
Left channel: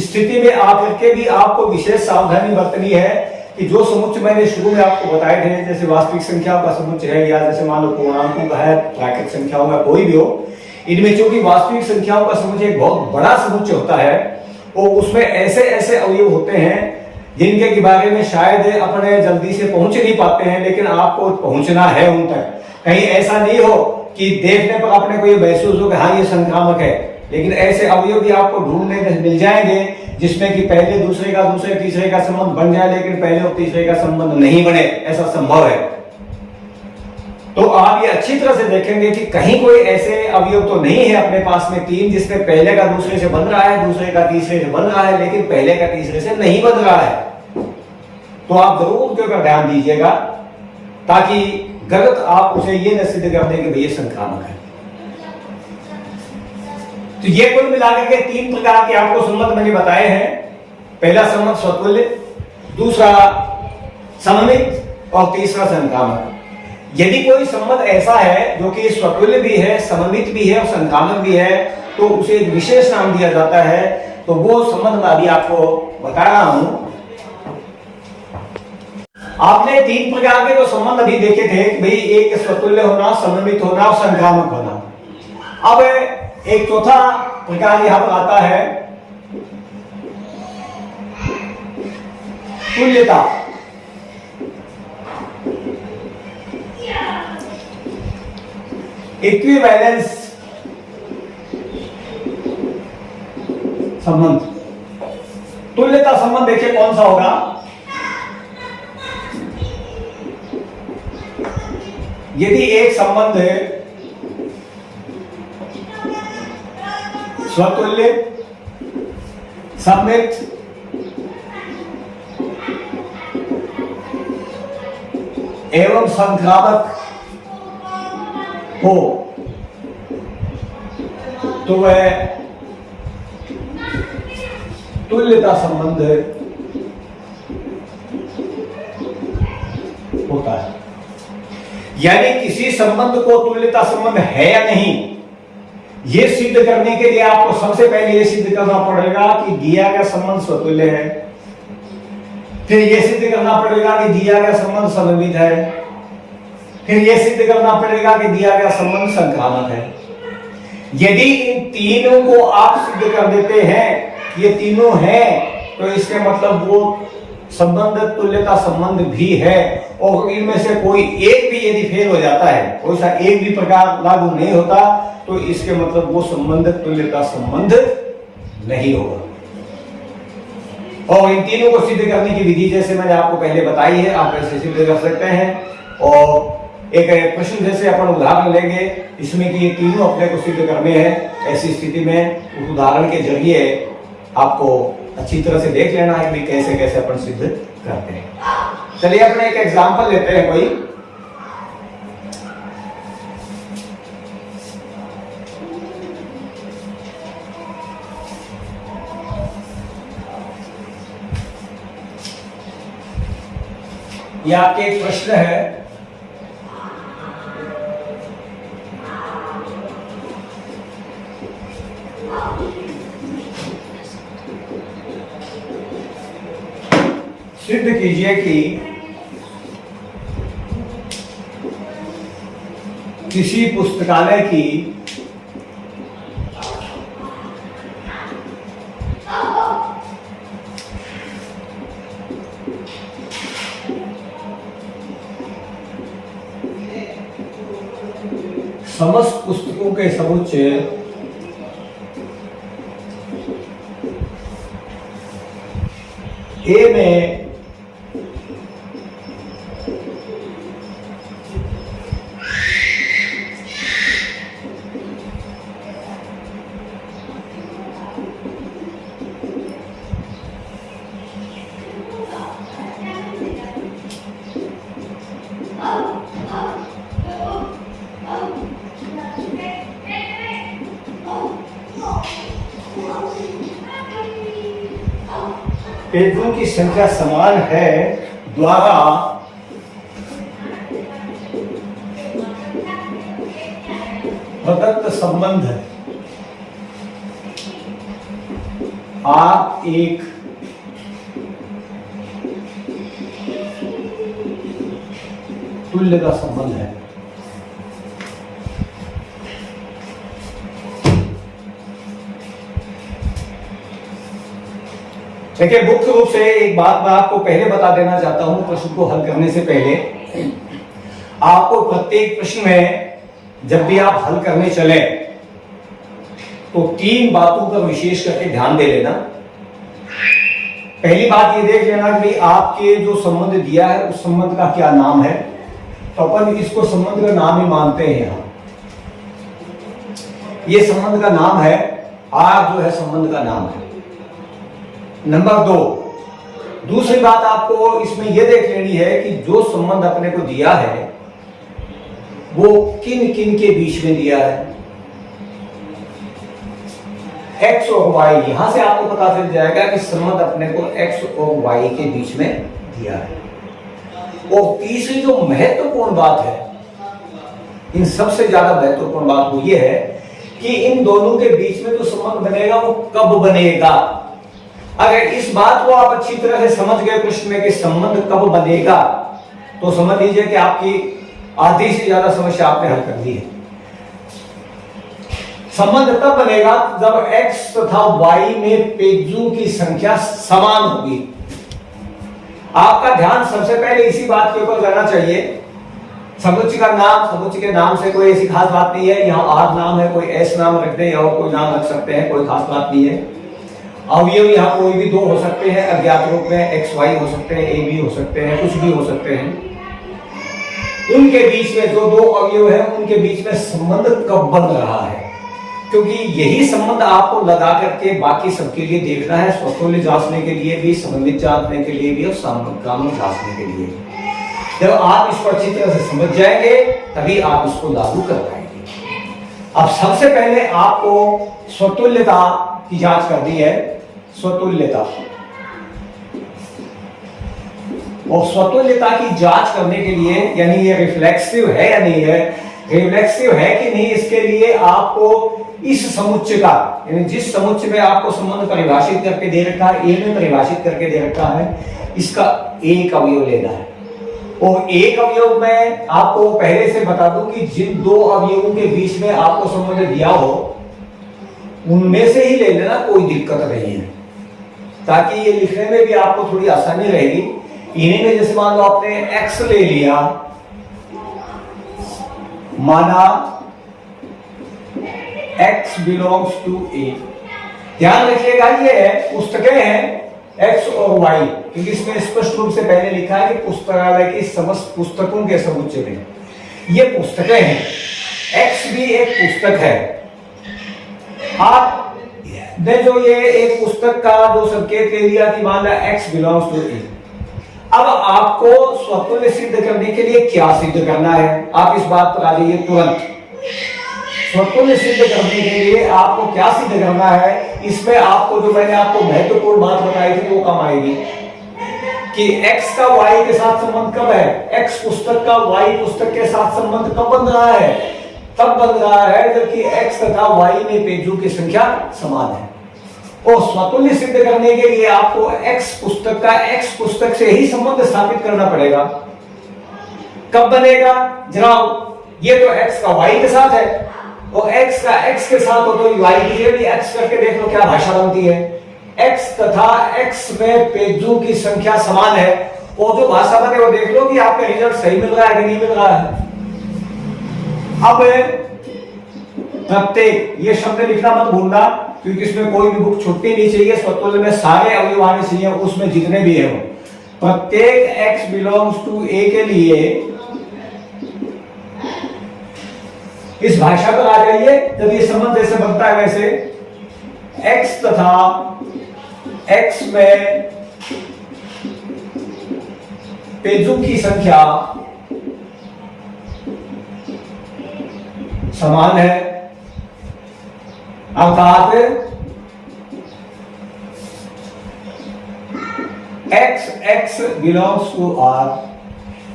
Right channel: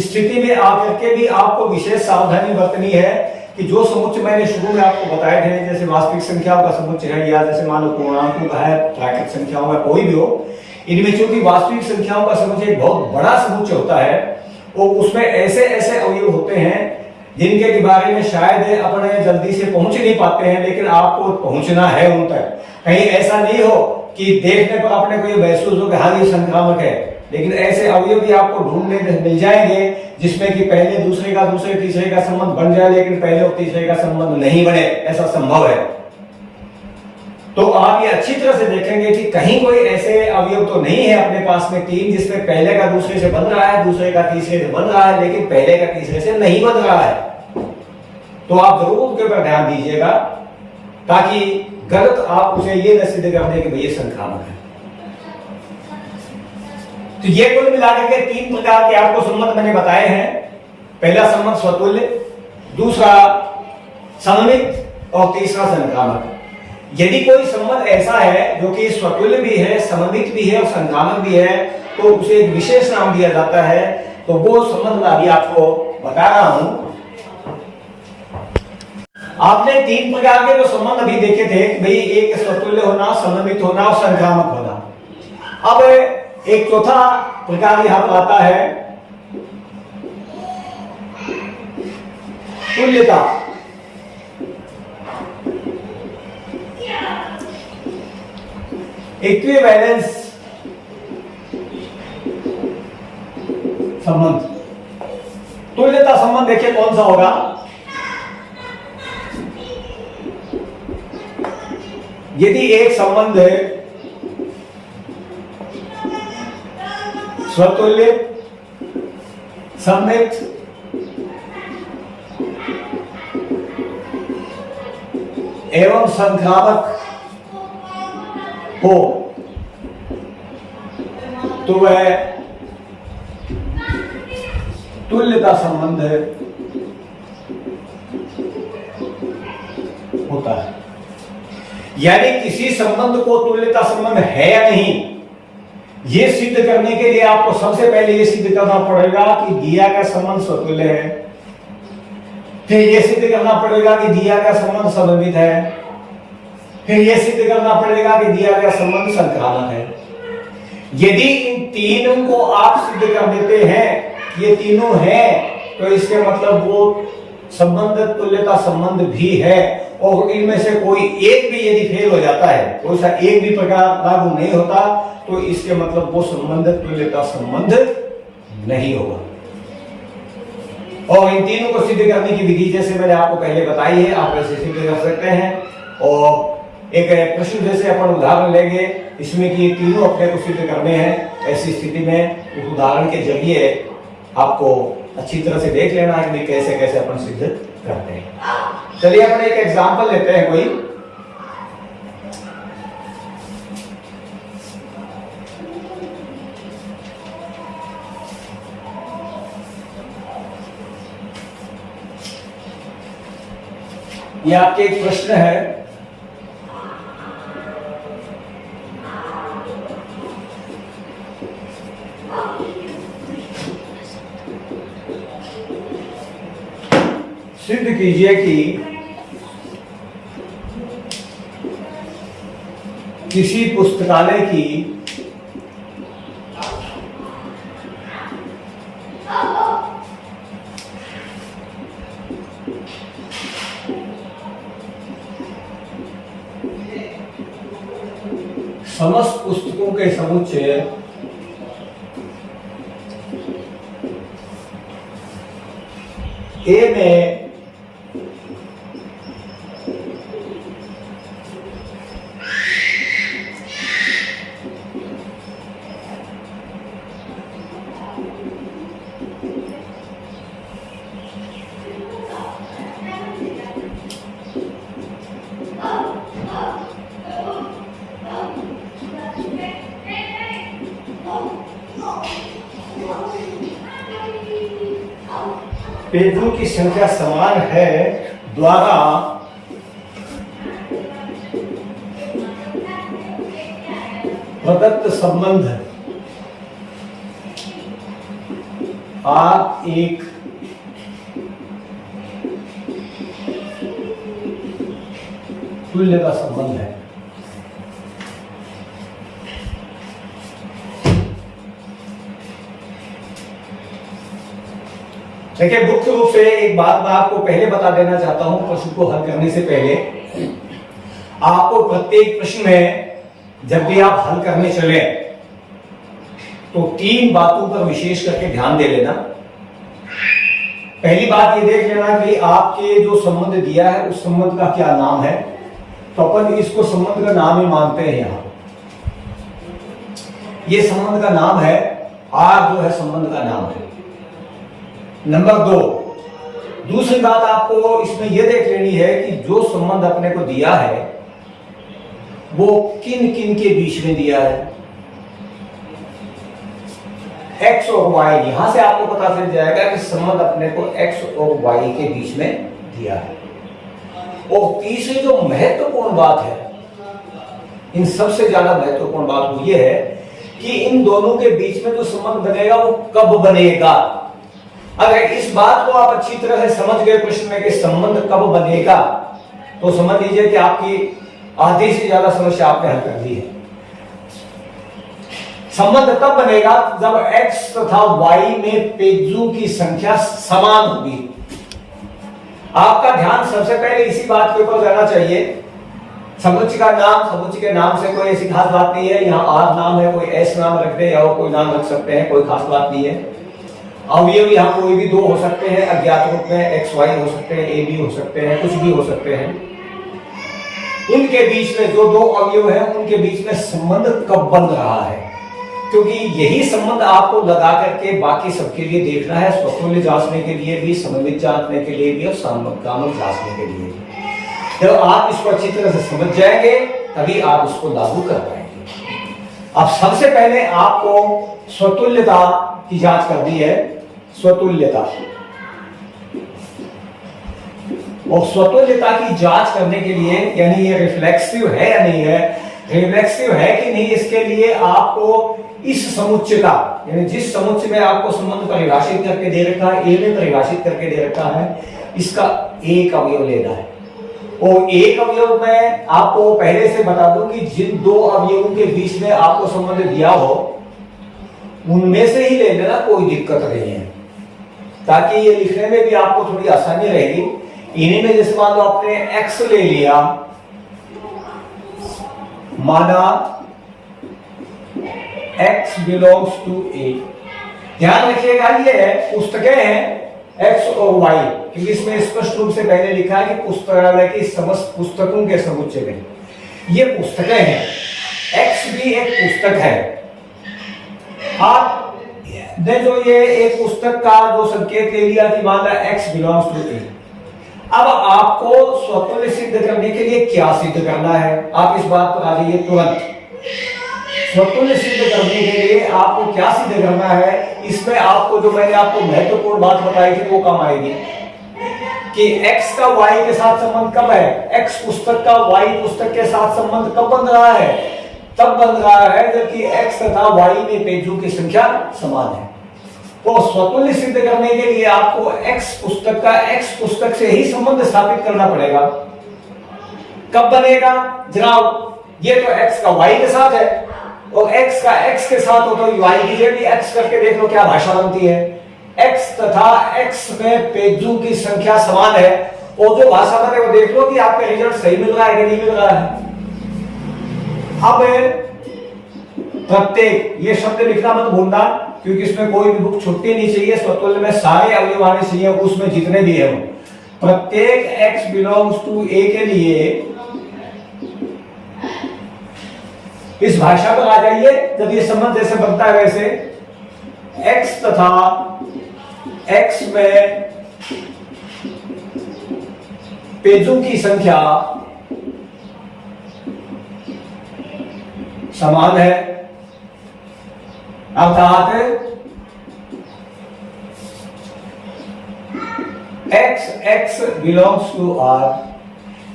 स्थिति में आकर के भी आपको विशेष सावधानी बरतनी है कि जो समुच्चय मैंने शुरू में आपको बताए थे, जैसे वास्तविक संख्याओं का समुच्चय है या जैसे मान लो पूर्णांकों का है, प्राकृत संख्याओं का कोई भी हो, इनमें चूंकि वास्तविक संख्याओं का समुच्चय एक बहुत बड़ा समुच्चय होता है और उसमें ऐसे ऐसे अवयव होते हैं जिनके के बारे में शायद अपने जल्दी से पहुंच नहीं पाते हैं, लेकिन आपको पहुंचना है उन तक। कहीं ऐसा नहीं हो कि देखने पर अपने को ये महसूस हो कि हाँ ये संक्रामक है, लेकिन ऐसे अवयव भी आपको ढूंढने में मिल जाएंगे जिसमें कि पहले दूसरे का दूसरे तीसरे का संबंध बन जाए, लेकिन पहले और तीसरे का संबंध नहीं बने, ऐसा संभव है। तो आप ये अच्छी तरह से देखेंगे कि कहीं कोई ऐसे अवयव तो नहीं है अपने पास में 3 जिसमें पहले का दूसरे से बन रहा है, दूसरे का तीसरे से बन रहा है, लेकिन पहले का तीसरे से नहीं बन रहा है। तो आप जरूर उनके ऊपर ध्यान दीजिएगा ताकि गलत आप उसे ये न सिद्ध कर दें कि भैया संक्रामक है। तो ये कुल मिलाकर के 3 प्रकार के आपको संबंध मैंने बताए हैं। पहला संबंध स्वतुल्य, दूसरा सममित और तीसरा संक्रामक। यदि कोई संबंध ऐसा है जो कि स्वतुल्य भी है, सममित भी है और संक्रामक भी है, तो उसे एक विशेष नाम दिया जाता है। तो वो संबंध मैं अभी आपको बता रहा हूं। आपने 3 प्रकार के जो संबंध अभी देखे थे, भाई एक स्वतुल्य होना, सममित होना और संक्रामक होना। अब एक चौथा प्रकार यहां पर आता है तुल्यता। इक्विवेलेंस संबंध। तुल्यता संबंध देखिए कौन सा होगा। यदि एक संबंध है स्वतुल्य, सममित, एवं संक्रामक हो, तो वह तुल्यता संबंध होता है। यानी किसी संबंध को तुल्यता संबंध है या नहीं, यह सिद्ध करने के लिए आपको सबसे पहले यह सिद्ध करना पड़ेगा कि दिया गया संबंध स्वतुल्य है, फिर यह सिद्ध करना पड़ेगा कि दिया गया संबंध सममित है, फिर यह सिद्ध करना पड़ेगा कि दिया गया संबंध संक्रामक है। यदि इन तीनों को आप सिद्ध कर देते हैं, ये तीनों हैं, तो इसके मतलब वो संबंध तुल्यता संबंध भी है। और इनमें से कोई एक भी यदि फेल हो जाता है, कोई सा एक भी प्रकार लागू नहीं होता, तो इसके मतलब वो संबंध तुल्यता संबंध नहीं होगा। और इन तीनों को सिद्ध करने की विधि जैसे मैंने आपको पहले बताई है, आप ऐसे सिद्ध कर सकते हैं। और एक प्रश्न जैसे अपन उदाहरण लेंगे, इसमें कि ये तीनों अपने को सिद्ध करने हैं, ऐसी स्थिति में उस उदाहरण के जरिए आपको अच्छी तरह से देख लेना है कि कैसे कैसे अपन सिद्ध करते हैं। चलिए अपने एक एग्जांपल लेते हैं कोई। ये आपके एक प्रश्न है, सिद्ध कीजिए कि किसी पुस्तकालय की समस्त पुस्तकों के समुच्चय ए में पेजों की संख्या समान है द्वारा प्रदत्त संबंध R एक तुल्यता संबंध है। देखिए, मुख्य रूप से एक बात मैं आपको पहले बता देना चाहता हूं, प्रश्न को हल करने से पहले आपको प्रत्येक प्रश्न में जब भी आप हल करने चले तो 3 बातों पर विशेष करके ध्यान दे लेना। पहली बात ये देख लेना कि आपके जो संबंध दिया है उस संबंध का क्या नाम है। तो अपन इसको संबंध का नाम ही मानते हैं। यहां ये संबंध का नाम है, आर जो है संबंध का नाम है। नंबर 2, दूसरी बात आपको इसमें यह देख लेनी है कि जो संबंध अपने को दिया है वो किन किन के बीच में दिया है। एक्स और वाई, यहां से आपको पता चल जाएगा कि संबंध अपने को एक्स और वाई के बीच में दिया है। और तीसरी जो महत्वपूर्ण बात है, इन सबसे ज्यादा महत्वपूर्ण बात वो ये है कि इन दोनों के बीच में जो संबंध बनेगा वो कब बनेगा। अगर इस बात को आप अच्छी तरह से समझ गए प्रश्न में कि संबंध कब बनेगा, तो समझ लीजिए कि आपकी आधी से ज्यादा समस्या आपने हल कर दी है। संबंध तब बनेगा जब x तथा y में पेजों की संख्या समान होगी। आपका ध्यान सबसे पहले इसी बात के ऊपर जाना चाहिए। समुच्चय का नाम, समुच्चय के नाम से कोई ऐसी खास बात नहीं है। यहाँ R नाम है, कोई S नाम रख दे या कोई नाम रख सकते हैं, कोई खास बात नहीं है। अवयव यहाँ कोई भी 2 हो सकते हैं अज्ञात रूप में, x y हो सकते हैं, a b हो सकते हैं, कुछ भी हो सकते हैं। उनके बीच में जो 2 अवयव हैं उनके बीच में संबंध कब बन रहा है, क्योंकि यही संबंध आपको लगा करके बाकी सबके लिए देखना है, स्वतुल्य जांचने के लिए भी, समन्वित जांचने के लिए भी और सामग्रिक जांचने के लिए। जब आप इसको अच्छी तरह से समझ जाएंगे तभी आप इसको लागू कर पाएंगे। अब सबसे पहले आपको स्वतुल्यता की जांच करनी है। स्वतुल्यता, और स्वतुल्यता की जांच करने के लिए, यानी ये रिफ्लेक्सिव है या नहीं है, रिफ्लेक्सिव है कि नहीं, इसके लिए आपको इस समुच्चय का, यानी जिस समुच्चय में आपको संबंध परिभाषित करके दे रखा है, ए में परिभाषित करके दे रखा है, इसका एक अवयव लेना है। और एक अवयव में आपको पहले से बता दूं कि जिन 2 अवयवों के बीच में आपको संबंध दिया हो उनमें से ही ले लेना, कोई दिक्कत नहीं है, ताकि ये लिखने में भी आपको थोड़ी आसानी रहेगी। इन्हीं में जैसे मान लो आपने x ले लिया, माना x बिलोंग्स टू a। ध्यान रखिएगा ये पुस्तकें हैं x और y, क्योंकि इसमें स्पष्ट रूप से पहले लिखा है कि पुस्तकालय की समस्त पुस्तकों के समुच्चय में ये पुस्तकें हैं। x भी एक पुस्तक है। आपने जो ये एक पुस्तक का जो संकेत ले लिया कि मान ला x बिलोंग्स टू a, अब आपको स्वतुल्य सिद्ध करने के लिए क्या सिद्ध करना है, आप इस बात पर आ जाइए तुरंत। स्वतुल्य सिद्ध करने के लिए आपको क्या सिद्ध करना है, इसमें आपको जो मैंने आपको महत्वपूर्ण बात बताई थी वो काम आएगी कि x का y के साथ संबंध कब है। x पुस्तक का y पुस्तक के साथ संबंध कब बन रहा है, तब बन रहा है जबकि x तथा y में पेजों की संख्या समान है। और स्वतुल्य सिद्ध करने के लिए आपको x पुस्तक का x पुस्तक से ही संबंध स्थापित करना पड़ेगा। कब बनेगा जनाब, ये तो x का y के साथ है और x का x के साथ हो तो y की जगह भी x करके देख लो क्या भाषा बनती है। x तथा x में पेजों की संख्या समान है और जो भाषा बने वो देख लो कि आपका रिजल्ट सही मिल रहा है कि नहीं मिल रहा है। अब प्रत्येक, ये शब्द लिखना मत भूलना क्योंकि इसमें कोई भी बुक छुट्टी नहीं चाहिए। स्वतुल्य में सारे अवयव आने चाहिए, उसमें जितने भी है वो। प्रत्येक x बिलोंग्स टू a के लिए इस भाषा पर आ जाइए। जब ये संबंध जैसे बनता है वैसे x तथा x में पेजों की संख्या समान है, अर्थात x x belongs to R,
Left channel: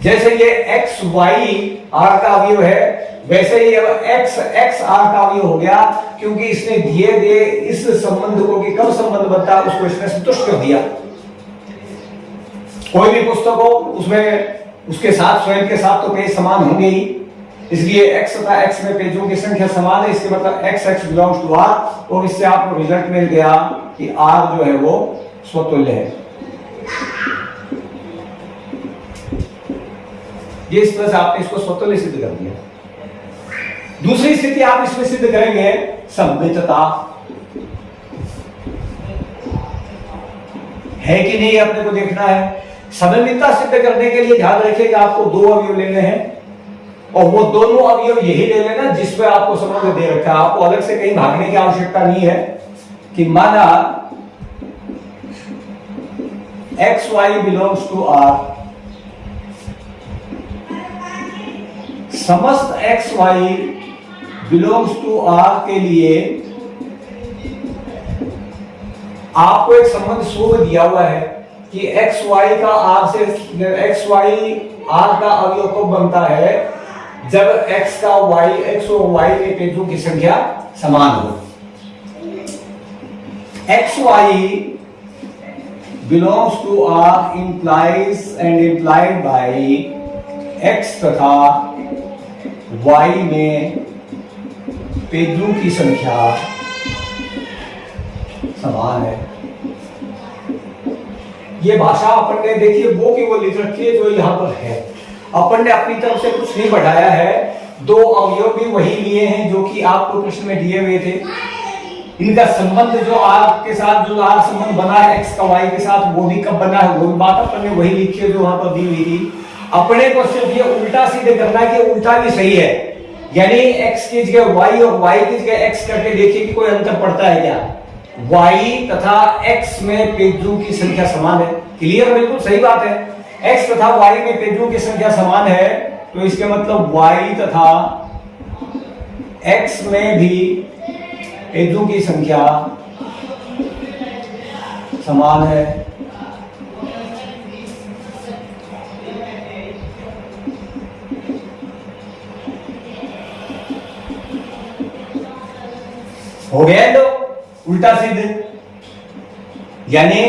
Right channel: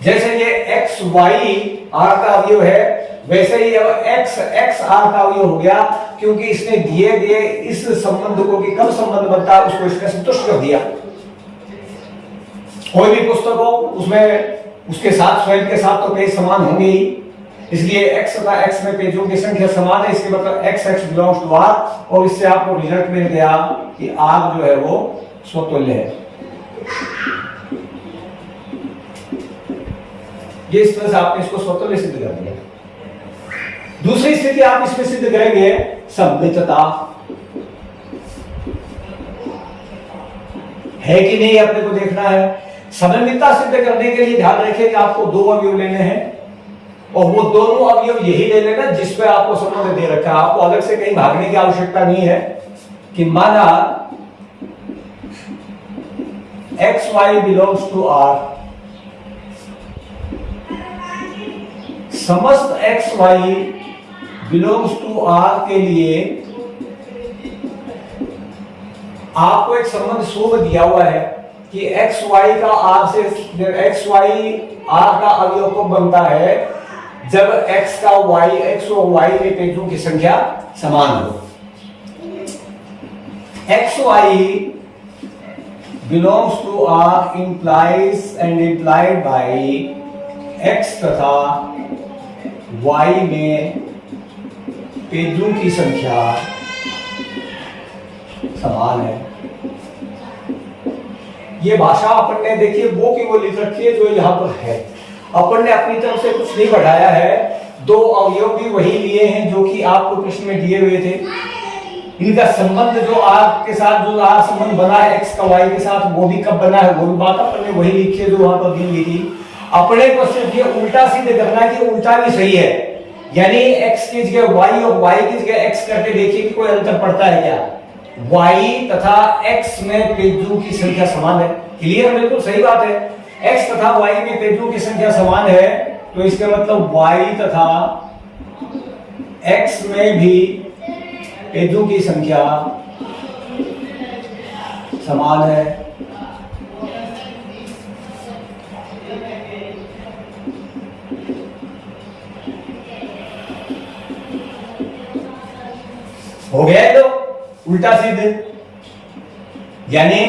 जैसे ये एक्स वाई आर का अवयव है, वैसे ही अब एक्स एक्स आर का अवयव हो गया, क्योंकि इसने दिए गए इस संबंध को कि कब संबंध बनता है उसको इसने संतुष्ट कर दिया। कोई भी पुस्तक हो उसमें उसके साथ स्वयं के साथ तो पेज समान होंगे ही, इसलिए x तथा x में पेजों की संख्या समान है, इसके मतलब x x belongs to r, और इससे आपको रिजल्ट मिल गया कि r जो है वो स्वतुल्य है। ये इस तरह से आपने इसको स्वतुल्य सिद्ध कर दिया। दूसरी स्थिति आप इसमें सिद्ध करेंगे सममितता, है कि नहीं अपने को देखना है। सममितता सिद्ध करने के लिए ध्यान रखिए कि आपको दो अवयव लेने हैं, और वो दोनों अवयव यही ले लेना जिस पे आपको संबंध दे रखा है। आपको अलग से कहीं भागने की आवश्यकता नहीं है कि माना X Y belongs to R, समस्त X Y belongs to R के लिए आपको एक संबंध शुभ दिया हुआ है कि एक्स वाई का आर से, एक्स वाई आर का अवयव कब बनता है, जब एक्स का वाई, एक्स और वाई में पेजों की संख्या समान हो। X Y belongs to R implies and implied by x तथा वाई में पेजों की संख्या समान है। ये भाषा अपन ने देखिए वो की वो लिख रखी है जो यहां पर है, अपन ने अपनी तरफ से कुछ नहीं बढ़ाया है। दो अवयव भी वही लिए हैं जो कि आपको प्रश्न में दिए हुए थे। इनका संबंध जो आर के साथ जो आर संबंध बना है एक्स का वाई के साथ, वो भी कब बना है वो भी बात अपन ने वही लिखी है जो वहां पर दी लिखी। अपने को सिर्फ ये उल्टा सीधे करना कि उल्टा भी सही है, यानी एक्स की जगह वाई और वाई की जगह एक्स करके देखिए कि कोई अंतर पड़ता है क्या। वाई तथा एक्स में पेजों की संख्या समान है, क्लियर, बिल्कुल सही बात है। एक्स तथा वाई में पेजों की संख्या समान है, तो इसका मतलब वाई तथा एक्स में भी पेजों की संख्या समान है। हो गया तो उल्टा सीधे, यानी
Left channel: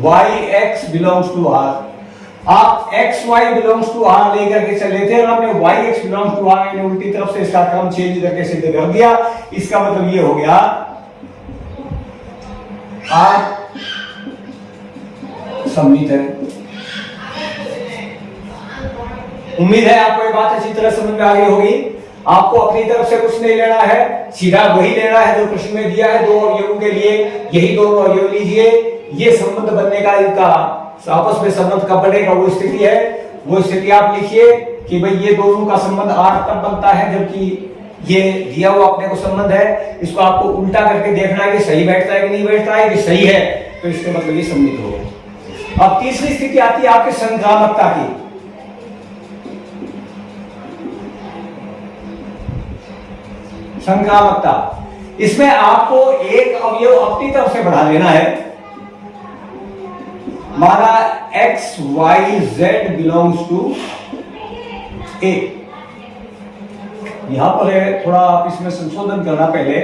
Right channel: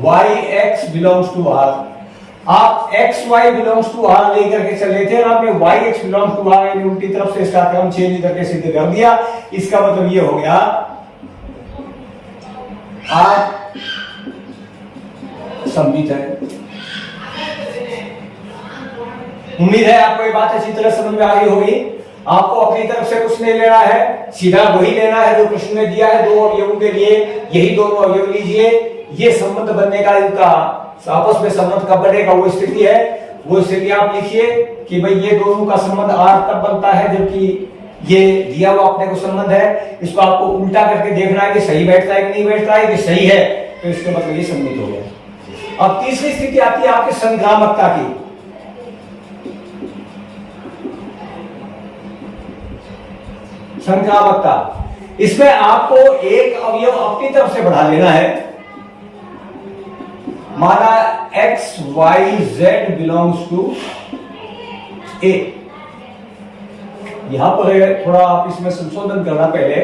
Y X belongs to R. आप X Y belongs to R लेकर के चले थे और आपने Y X belongs to R यानी उल्टी तरफ से इसका क्रम चेंज करके सिद्ध कर दिया। इसका मतलब ये हो गया आर सममित है। उम्मीद है आपको ये बात अच्छी तरह समझ में आ गई होगी। आपको अपनी तरफ से कुछ नहीं लेना है, सीधा वही लेना है जो प्रश्न में दिया है। दो अवयवों के लिए यही दोनों अवयव लीजिए, ये संबंध बनने का, इनका आपस में संबंध कब बनेगा वो स्थिति है, वो स्थिति आप लिखिए कि भाई ये दोनों का संबंध आर तब बनता है जबकि ये दिया हुआ अपने को संबंध है। इसको आपको उल्टा करके देखना है कि सही बैठता है कि नहीं बैठता है। कि सही है तो इसका मतलब ये सम्मिलित हो गया। अब तीसरी स्थिति आती है आपकी संक्रामकता की। संक्रामकता, इसमें आपको एक अवयव अपनी तरफ से बढ़ा लेना है। माना X Y Z belongs to A. यहां पर थोड़ा आप इसमें संशोधन करना, पहले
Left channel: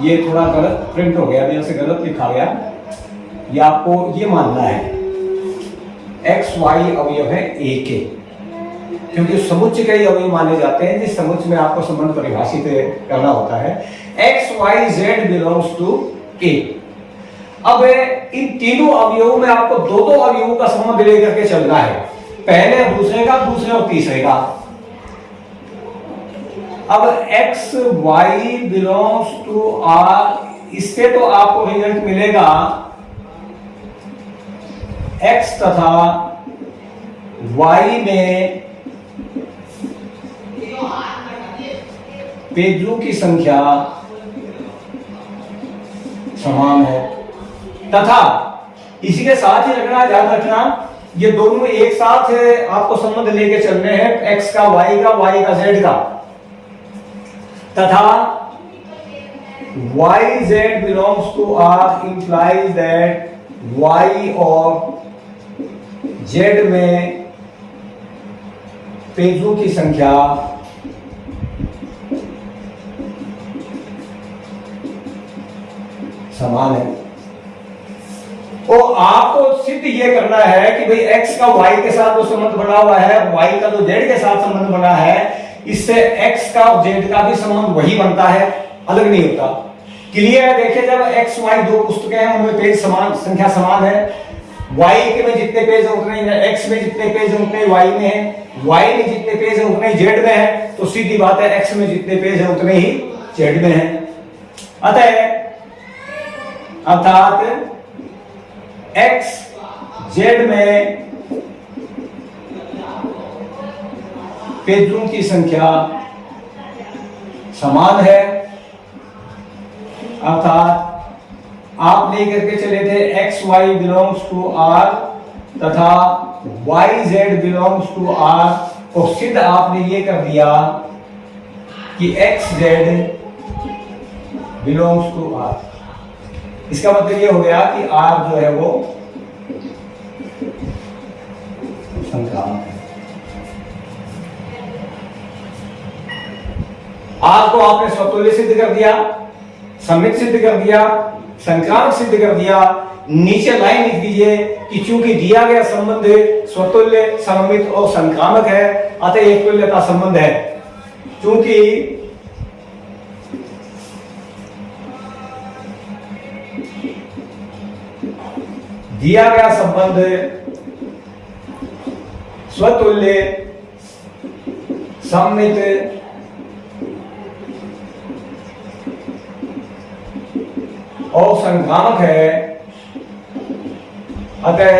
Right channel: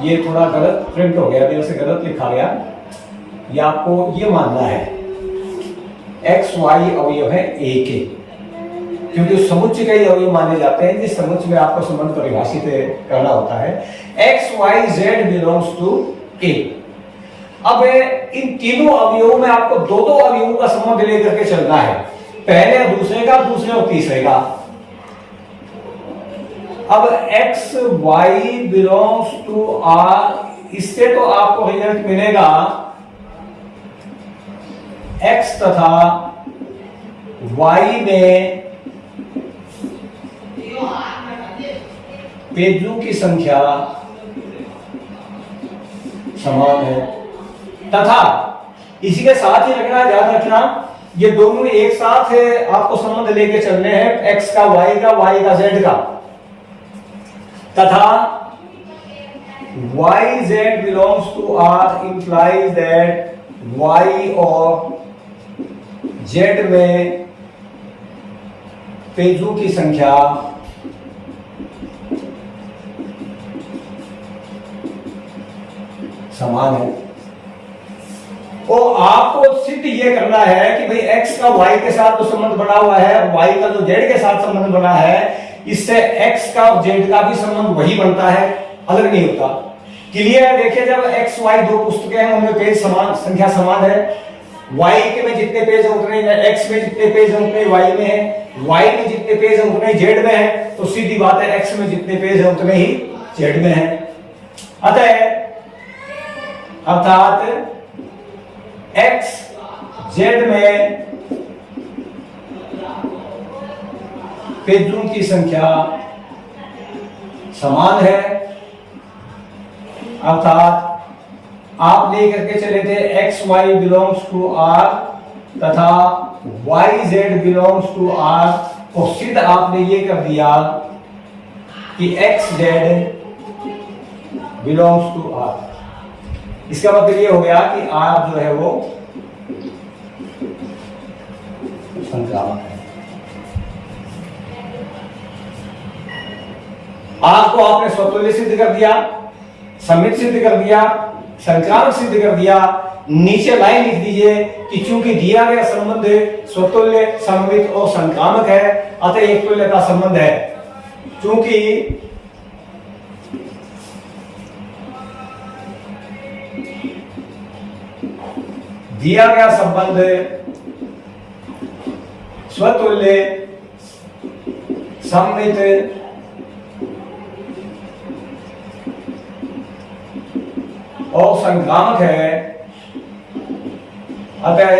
ये थोड़ा गलत प्रिंट हो गया, जैसे गलत लिखा गया। ये आपको ये मानना है एक्स वाई अवयव है ए के, क्योंकि समुच्चय कई अवयव माने जाते हैं जिस समुच्चय में आपको संबंध परिभाषित करना होता है। X Y Z belongs to A. अब इन तीनों अवयवों में आपको दो दो अवयवों का संबंध लेकर के चलना है, पहले दूसरे का, दूसरे और तीसरे का। अब x Y belongs to R, इससे तो आपको रिजल्ट मिलेगा एक्स तथा वाई में पेजों की संख्या समान है, तथा इसी के साथ ही रखना, याद रखना, ये दोनों एक साथ है, आपको संबंध लेके चलने हैं, एक्स का वाई का, वाई का जेड का, तथा y Z belongs to R implies that y और z में पेजों की संख्या समान है। और आपको सिद्ध ये करना है कि भाई x का y के साथ जो संबंध बना हुआ है, y का जो z के साथ संबंध बना है, इससे x का और z का भी संबंध वही बनता है, अलग नहीं होता। क्लियर? देखिए, जब x y दो पुस्तकें हैं उनमें पेज समान, संख्या समान है। y के में जितने पेज हैं उतने ही, x में जितने पेज हैं उतने y में है, y में जितने पेज हैं उतने ही z में है, तो सीधी बात है x में जितने पेज हैं उतने ही z में है। अर्थात x z में पेजों की संख्या समान है। अर्थात आप लेकर के चले थे x y belongs to r तथा y z belongs to r, और सिद्ध आपने ये कर दिया कि x z belongs to r। इसका मतलब ये हो गया कि r जो है वो संक्रामक है। r को आपने स्वतुल्य सिद्ध कर दिया, सममित सिद्ध कर दिया, संक्रामक सिद्ध कर दिया। नीचे लाइन लिख दीजिए कि चूंकि दिया गया संबंध स्वतुल्य, सममित और संक्रामक है, अतः एक तुल्यता संबंध है। चूंकि दिया गया संबंध स्वतुल्य, सममित और संक्रामक है, अतः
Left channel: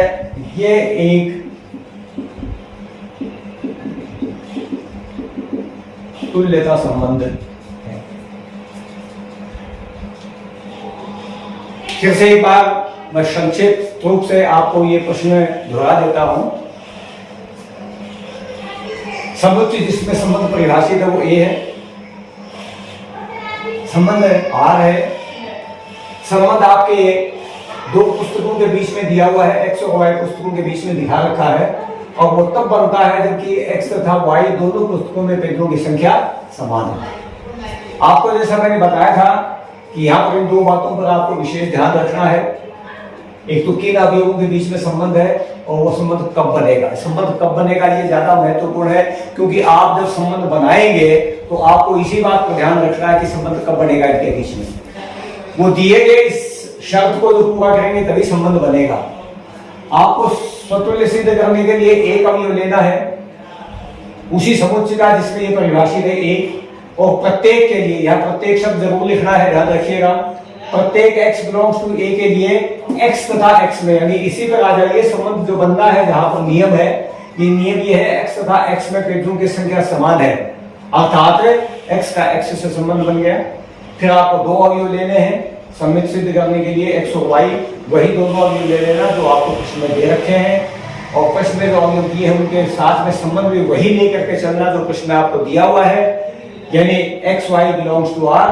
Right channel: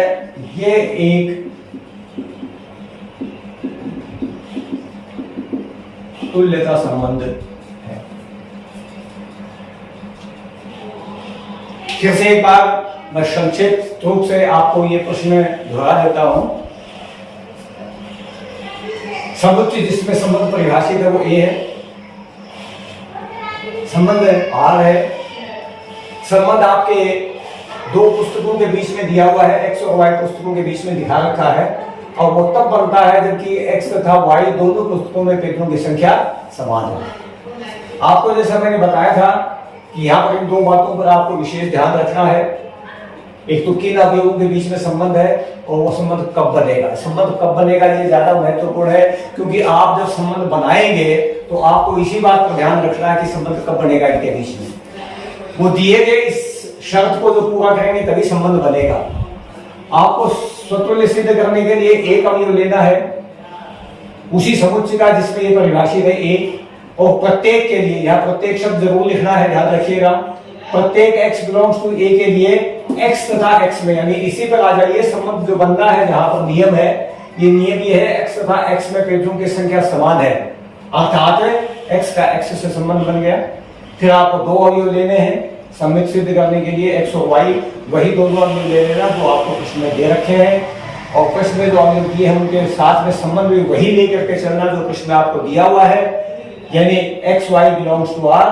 ये एक तुल्यता संबंध है। फिर से एक बार मैं संक्षिप्त रूप से आपको ये प्रश्न दोहरा देता हूं। समुच्चय जिसमें संबंध परिभाषित है वो ए है, संबंध आर है। संबंध आपके दो पुस्तकों के बीच में दिया हुआ है, x और y पुस्तकों के बीच में दिखा रखा है, और वो तब बनता है जबकि x तथा y दोनों पुस्तकों में पेजों की संख्या समान है। आपको जैसा मैंने बताया था कि यहाँ पर इन दो बातों पर आपको विशेष ध्यान रखना है। एक तो किन अवयवों के बीच में संबंध है और वो संबंध कब बनेगा। संबंध कब बनेगा ये ज्यादा महत्वपूर्ण है, क्योंकि आप जब संबंध बनाएंगे तो आपको इसी बात पर ध्यान रखना है कि संबंध कब बनेगा इनके बीच में। वो दिए गए इस शर्त को जो पूरा करेंगे तभी संबंध बनेगा। आपको स्वतुल्य सिद्ध करने के लिए एक अवयव लेना है उसी समुच्चय का जिसके लिए परिभाषित है एक, और प्रत्येक के लिए, यहाँ प्रत्येक शब्द जरूर लिखना है, ध्यान रखिएगा। प्रत्येक x बिलोंग्स टू a के लिए x तथा x में, यानी इसी पर आ जाइए। संबंध जो बनना है जहां पर नियम है, ये नियम ये है x तथा x में पेजों की संख्या समान है, अर्थात x का x से संबंध बन गया। फिर आपको दो अवयव लेने हैं सममित सिद्ध करने के लिए, x और y, वही दोनों अवयव ले लेना जो आपको प्रश्न में दे रखे हैं, और प्रश्न में जो अवयव दिए हैं उनके साथ में संबंध भी वही लेकर के चलना जो प्रश्न में आपको दिया हुआ है, यानी x y belongs to r।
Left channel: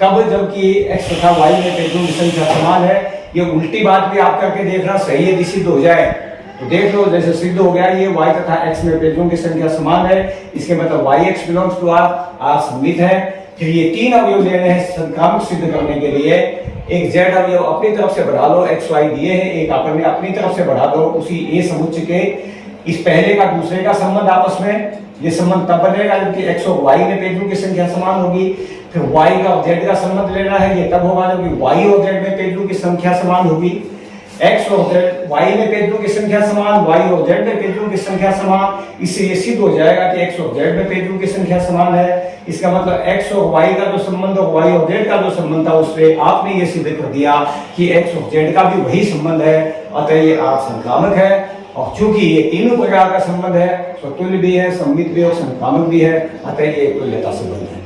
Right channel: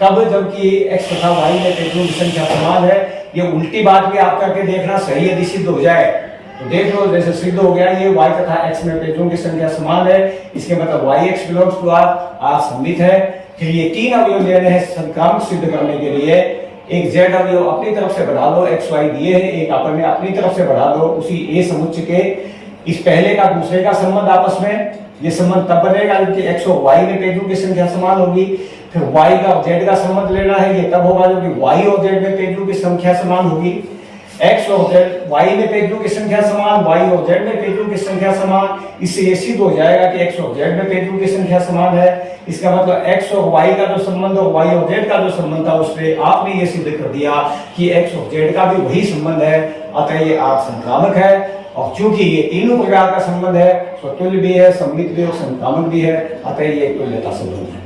कब? जबकि x तथा y में पेजों की संख्या समान है। ये उल्टी बात भी आप करके देखना, सही यदि सिद्ध हो जाए तो देख लो, जैसे सिद्ध हो गया ये y तथा x में पेजों की संख्या समान है, इसके मतलब yx बिलोंग्स टू r सममित है। फिर ये तीन अवयव लेने हैं संक्रामक सिद्ध करने के लिए। एक z अवयव अपनी तरफ से बढ़ा लो, x y दिए हैं, एक आपने अपनी तरफ से बढ़ा दो उसी a समुच्चय के। इस पहले का दूसरे का संबंध आपस में, ये संबंध तब बनेगा जबकि x और y में पेजों की संख्या समान होगी। फिर y का और z का संबंध लेना है, ये तब होगा जबकि y और z में पेजों की संख्या समान होगी। x और z, y में पेजों की संख्या समान, y और z में पेजों की संख्या समान। इससे ये सिद्ध हो जाएगा कि x और z में पेजों की संख्या समान है। इसका मतलब x और y का जो संबंध और y और z का जो संबंध था उससे आपने ये सिद्ध कर दिया कि x और z का भी वही संबंध है, अतः ये R संक्रामक है। और चूंकि ये तीनों प्रकार का संबंध है, स्वतुल्य भी है, सममित भी और संक्रामक भी है, अतः ये एक तुल्यता संबंध है।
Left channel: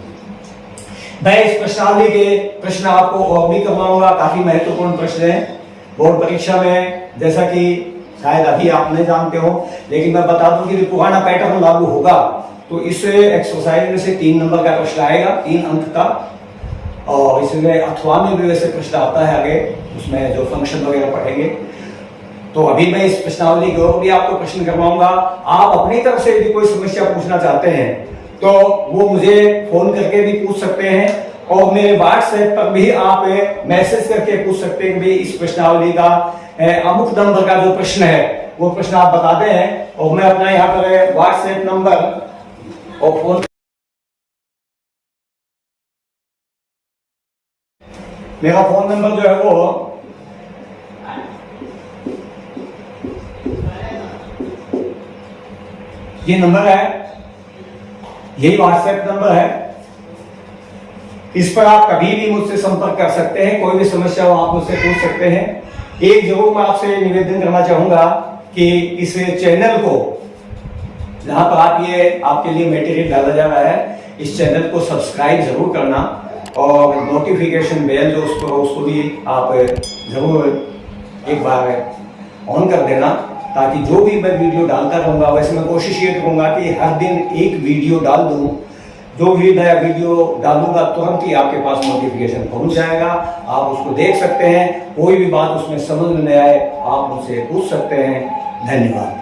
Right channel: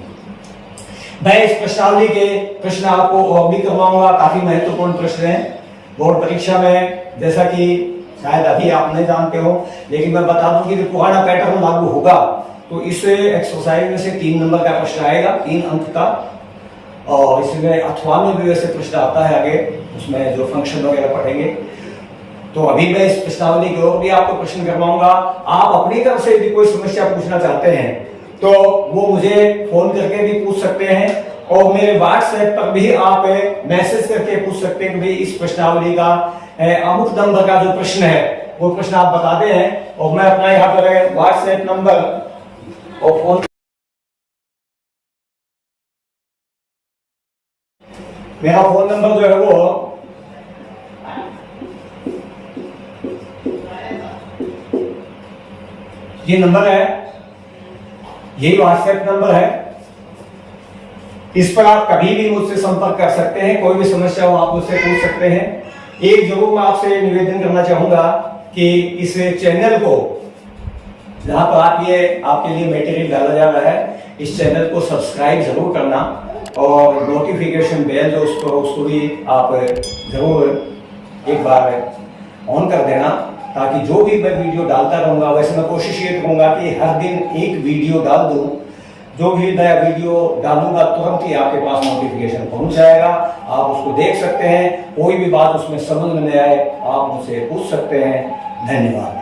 मैं इस प्रश्नावली के प्रश्न आपको और भी करवाऊंगा, काफी महत्वपूर्ण प्रश्न है बोर्ड परीक्षा में, जैसा कि शायद अभी आप नहीं जानते हो, लेकिन मैं बता दूं कि पुराना पैटर्न लागू होगा तो इस एक्सरसाइज में से 3 नंबर का प्रश्न आएगा, 3 अंक का। और इसमें अथवा में भी वैसे प्रश्न आता है आगे, उसमें जो फंक्शन वगैरह पढ़ेंगे। तो अभी मैं इस प्रश्नावली की ओर भी आपको प्रश्न करवाऊंगा। आप अपनी तरफ से यदि कोई समस्या पूछना चाहते हैं तो वो मुझे फोन करके भी पूछ सकते हैं, और मेरे व्हाट्सएप पर भी आप मैसेज करके पूछ सकते हैं कि भाई इस प्रश्नावली का अमुक नंबर का जो प्रश्न है वो प्रश्न आप बताते हैं, और मैं अपना यहाँ पर व्हाट्सएप नंबर और फोन, मेरा फोन नंबर जो है वो ये नंबर है, यही व्हाट्सएप नंबर है। इस पर आप कभी भी मुझसे संपर्क कर सकते हैं, कोई भी समस्या हो आप मुझसे पूछ सकते हैं। एक जरूर मैं आपसे निवेदन करना चाहूंगा कि इस चैनल को, जहां पर आप ये आपके लिए मटेरियल डाला जा रहा है, इस चैनल को सब्सक्राइब जरूर करना, और नोटिफिकेशन बेल जो उसको भी आप जरूर एक बार ऑन कर देना, ताकि जो भी मैं वीडियो डालता रहूंगा, वैसे मैं कोशिश ये करूंगा कि हर दिन एक वीडियो डाल दूं। जो भी नया वीडियो डालूंगा तुरंत ही आपके पास नोटिफिकेशन पहुंच जाएगा, आप उसको देख सकते हैं। कोई भी बात उसमें समझ में नहीं आए आप मुझसे पूछ सकते हैं। धन्यवाद।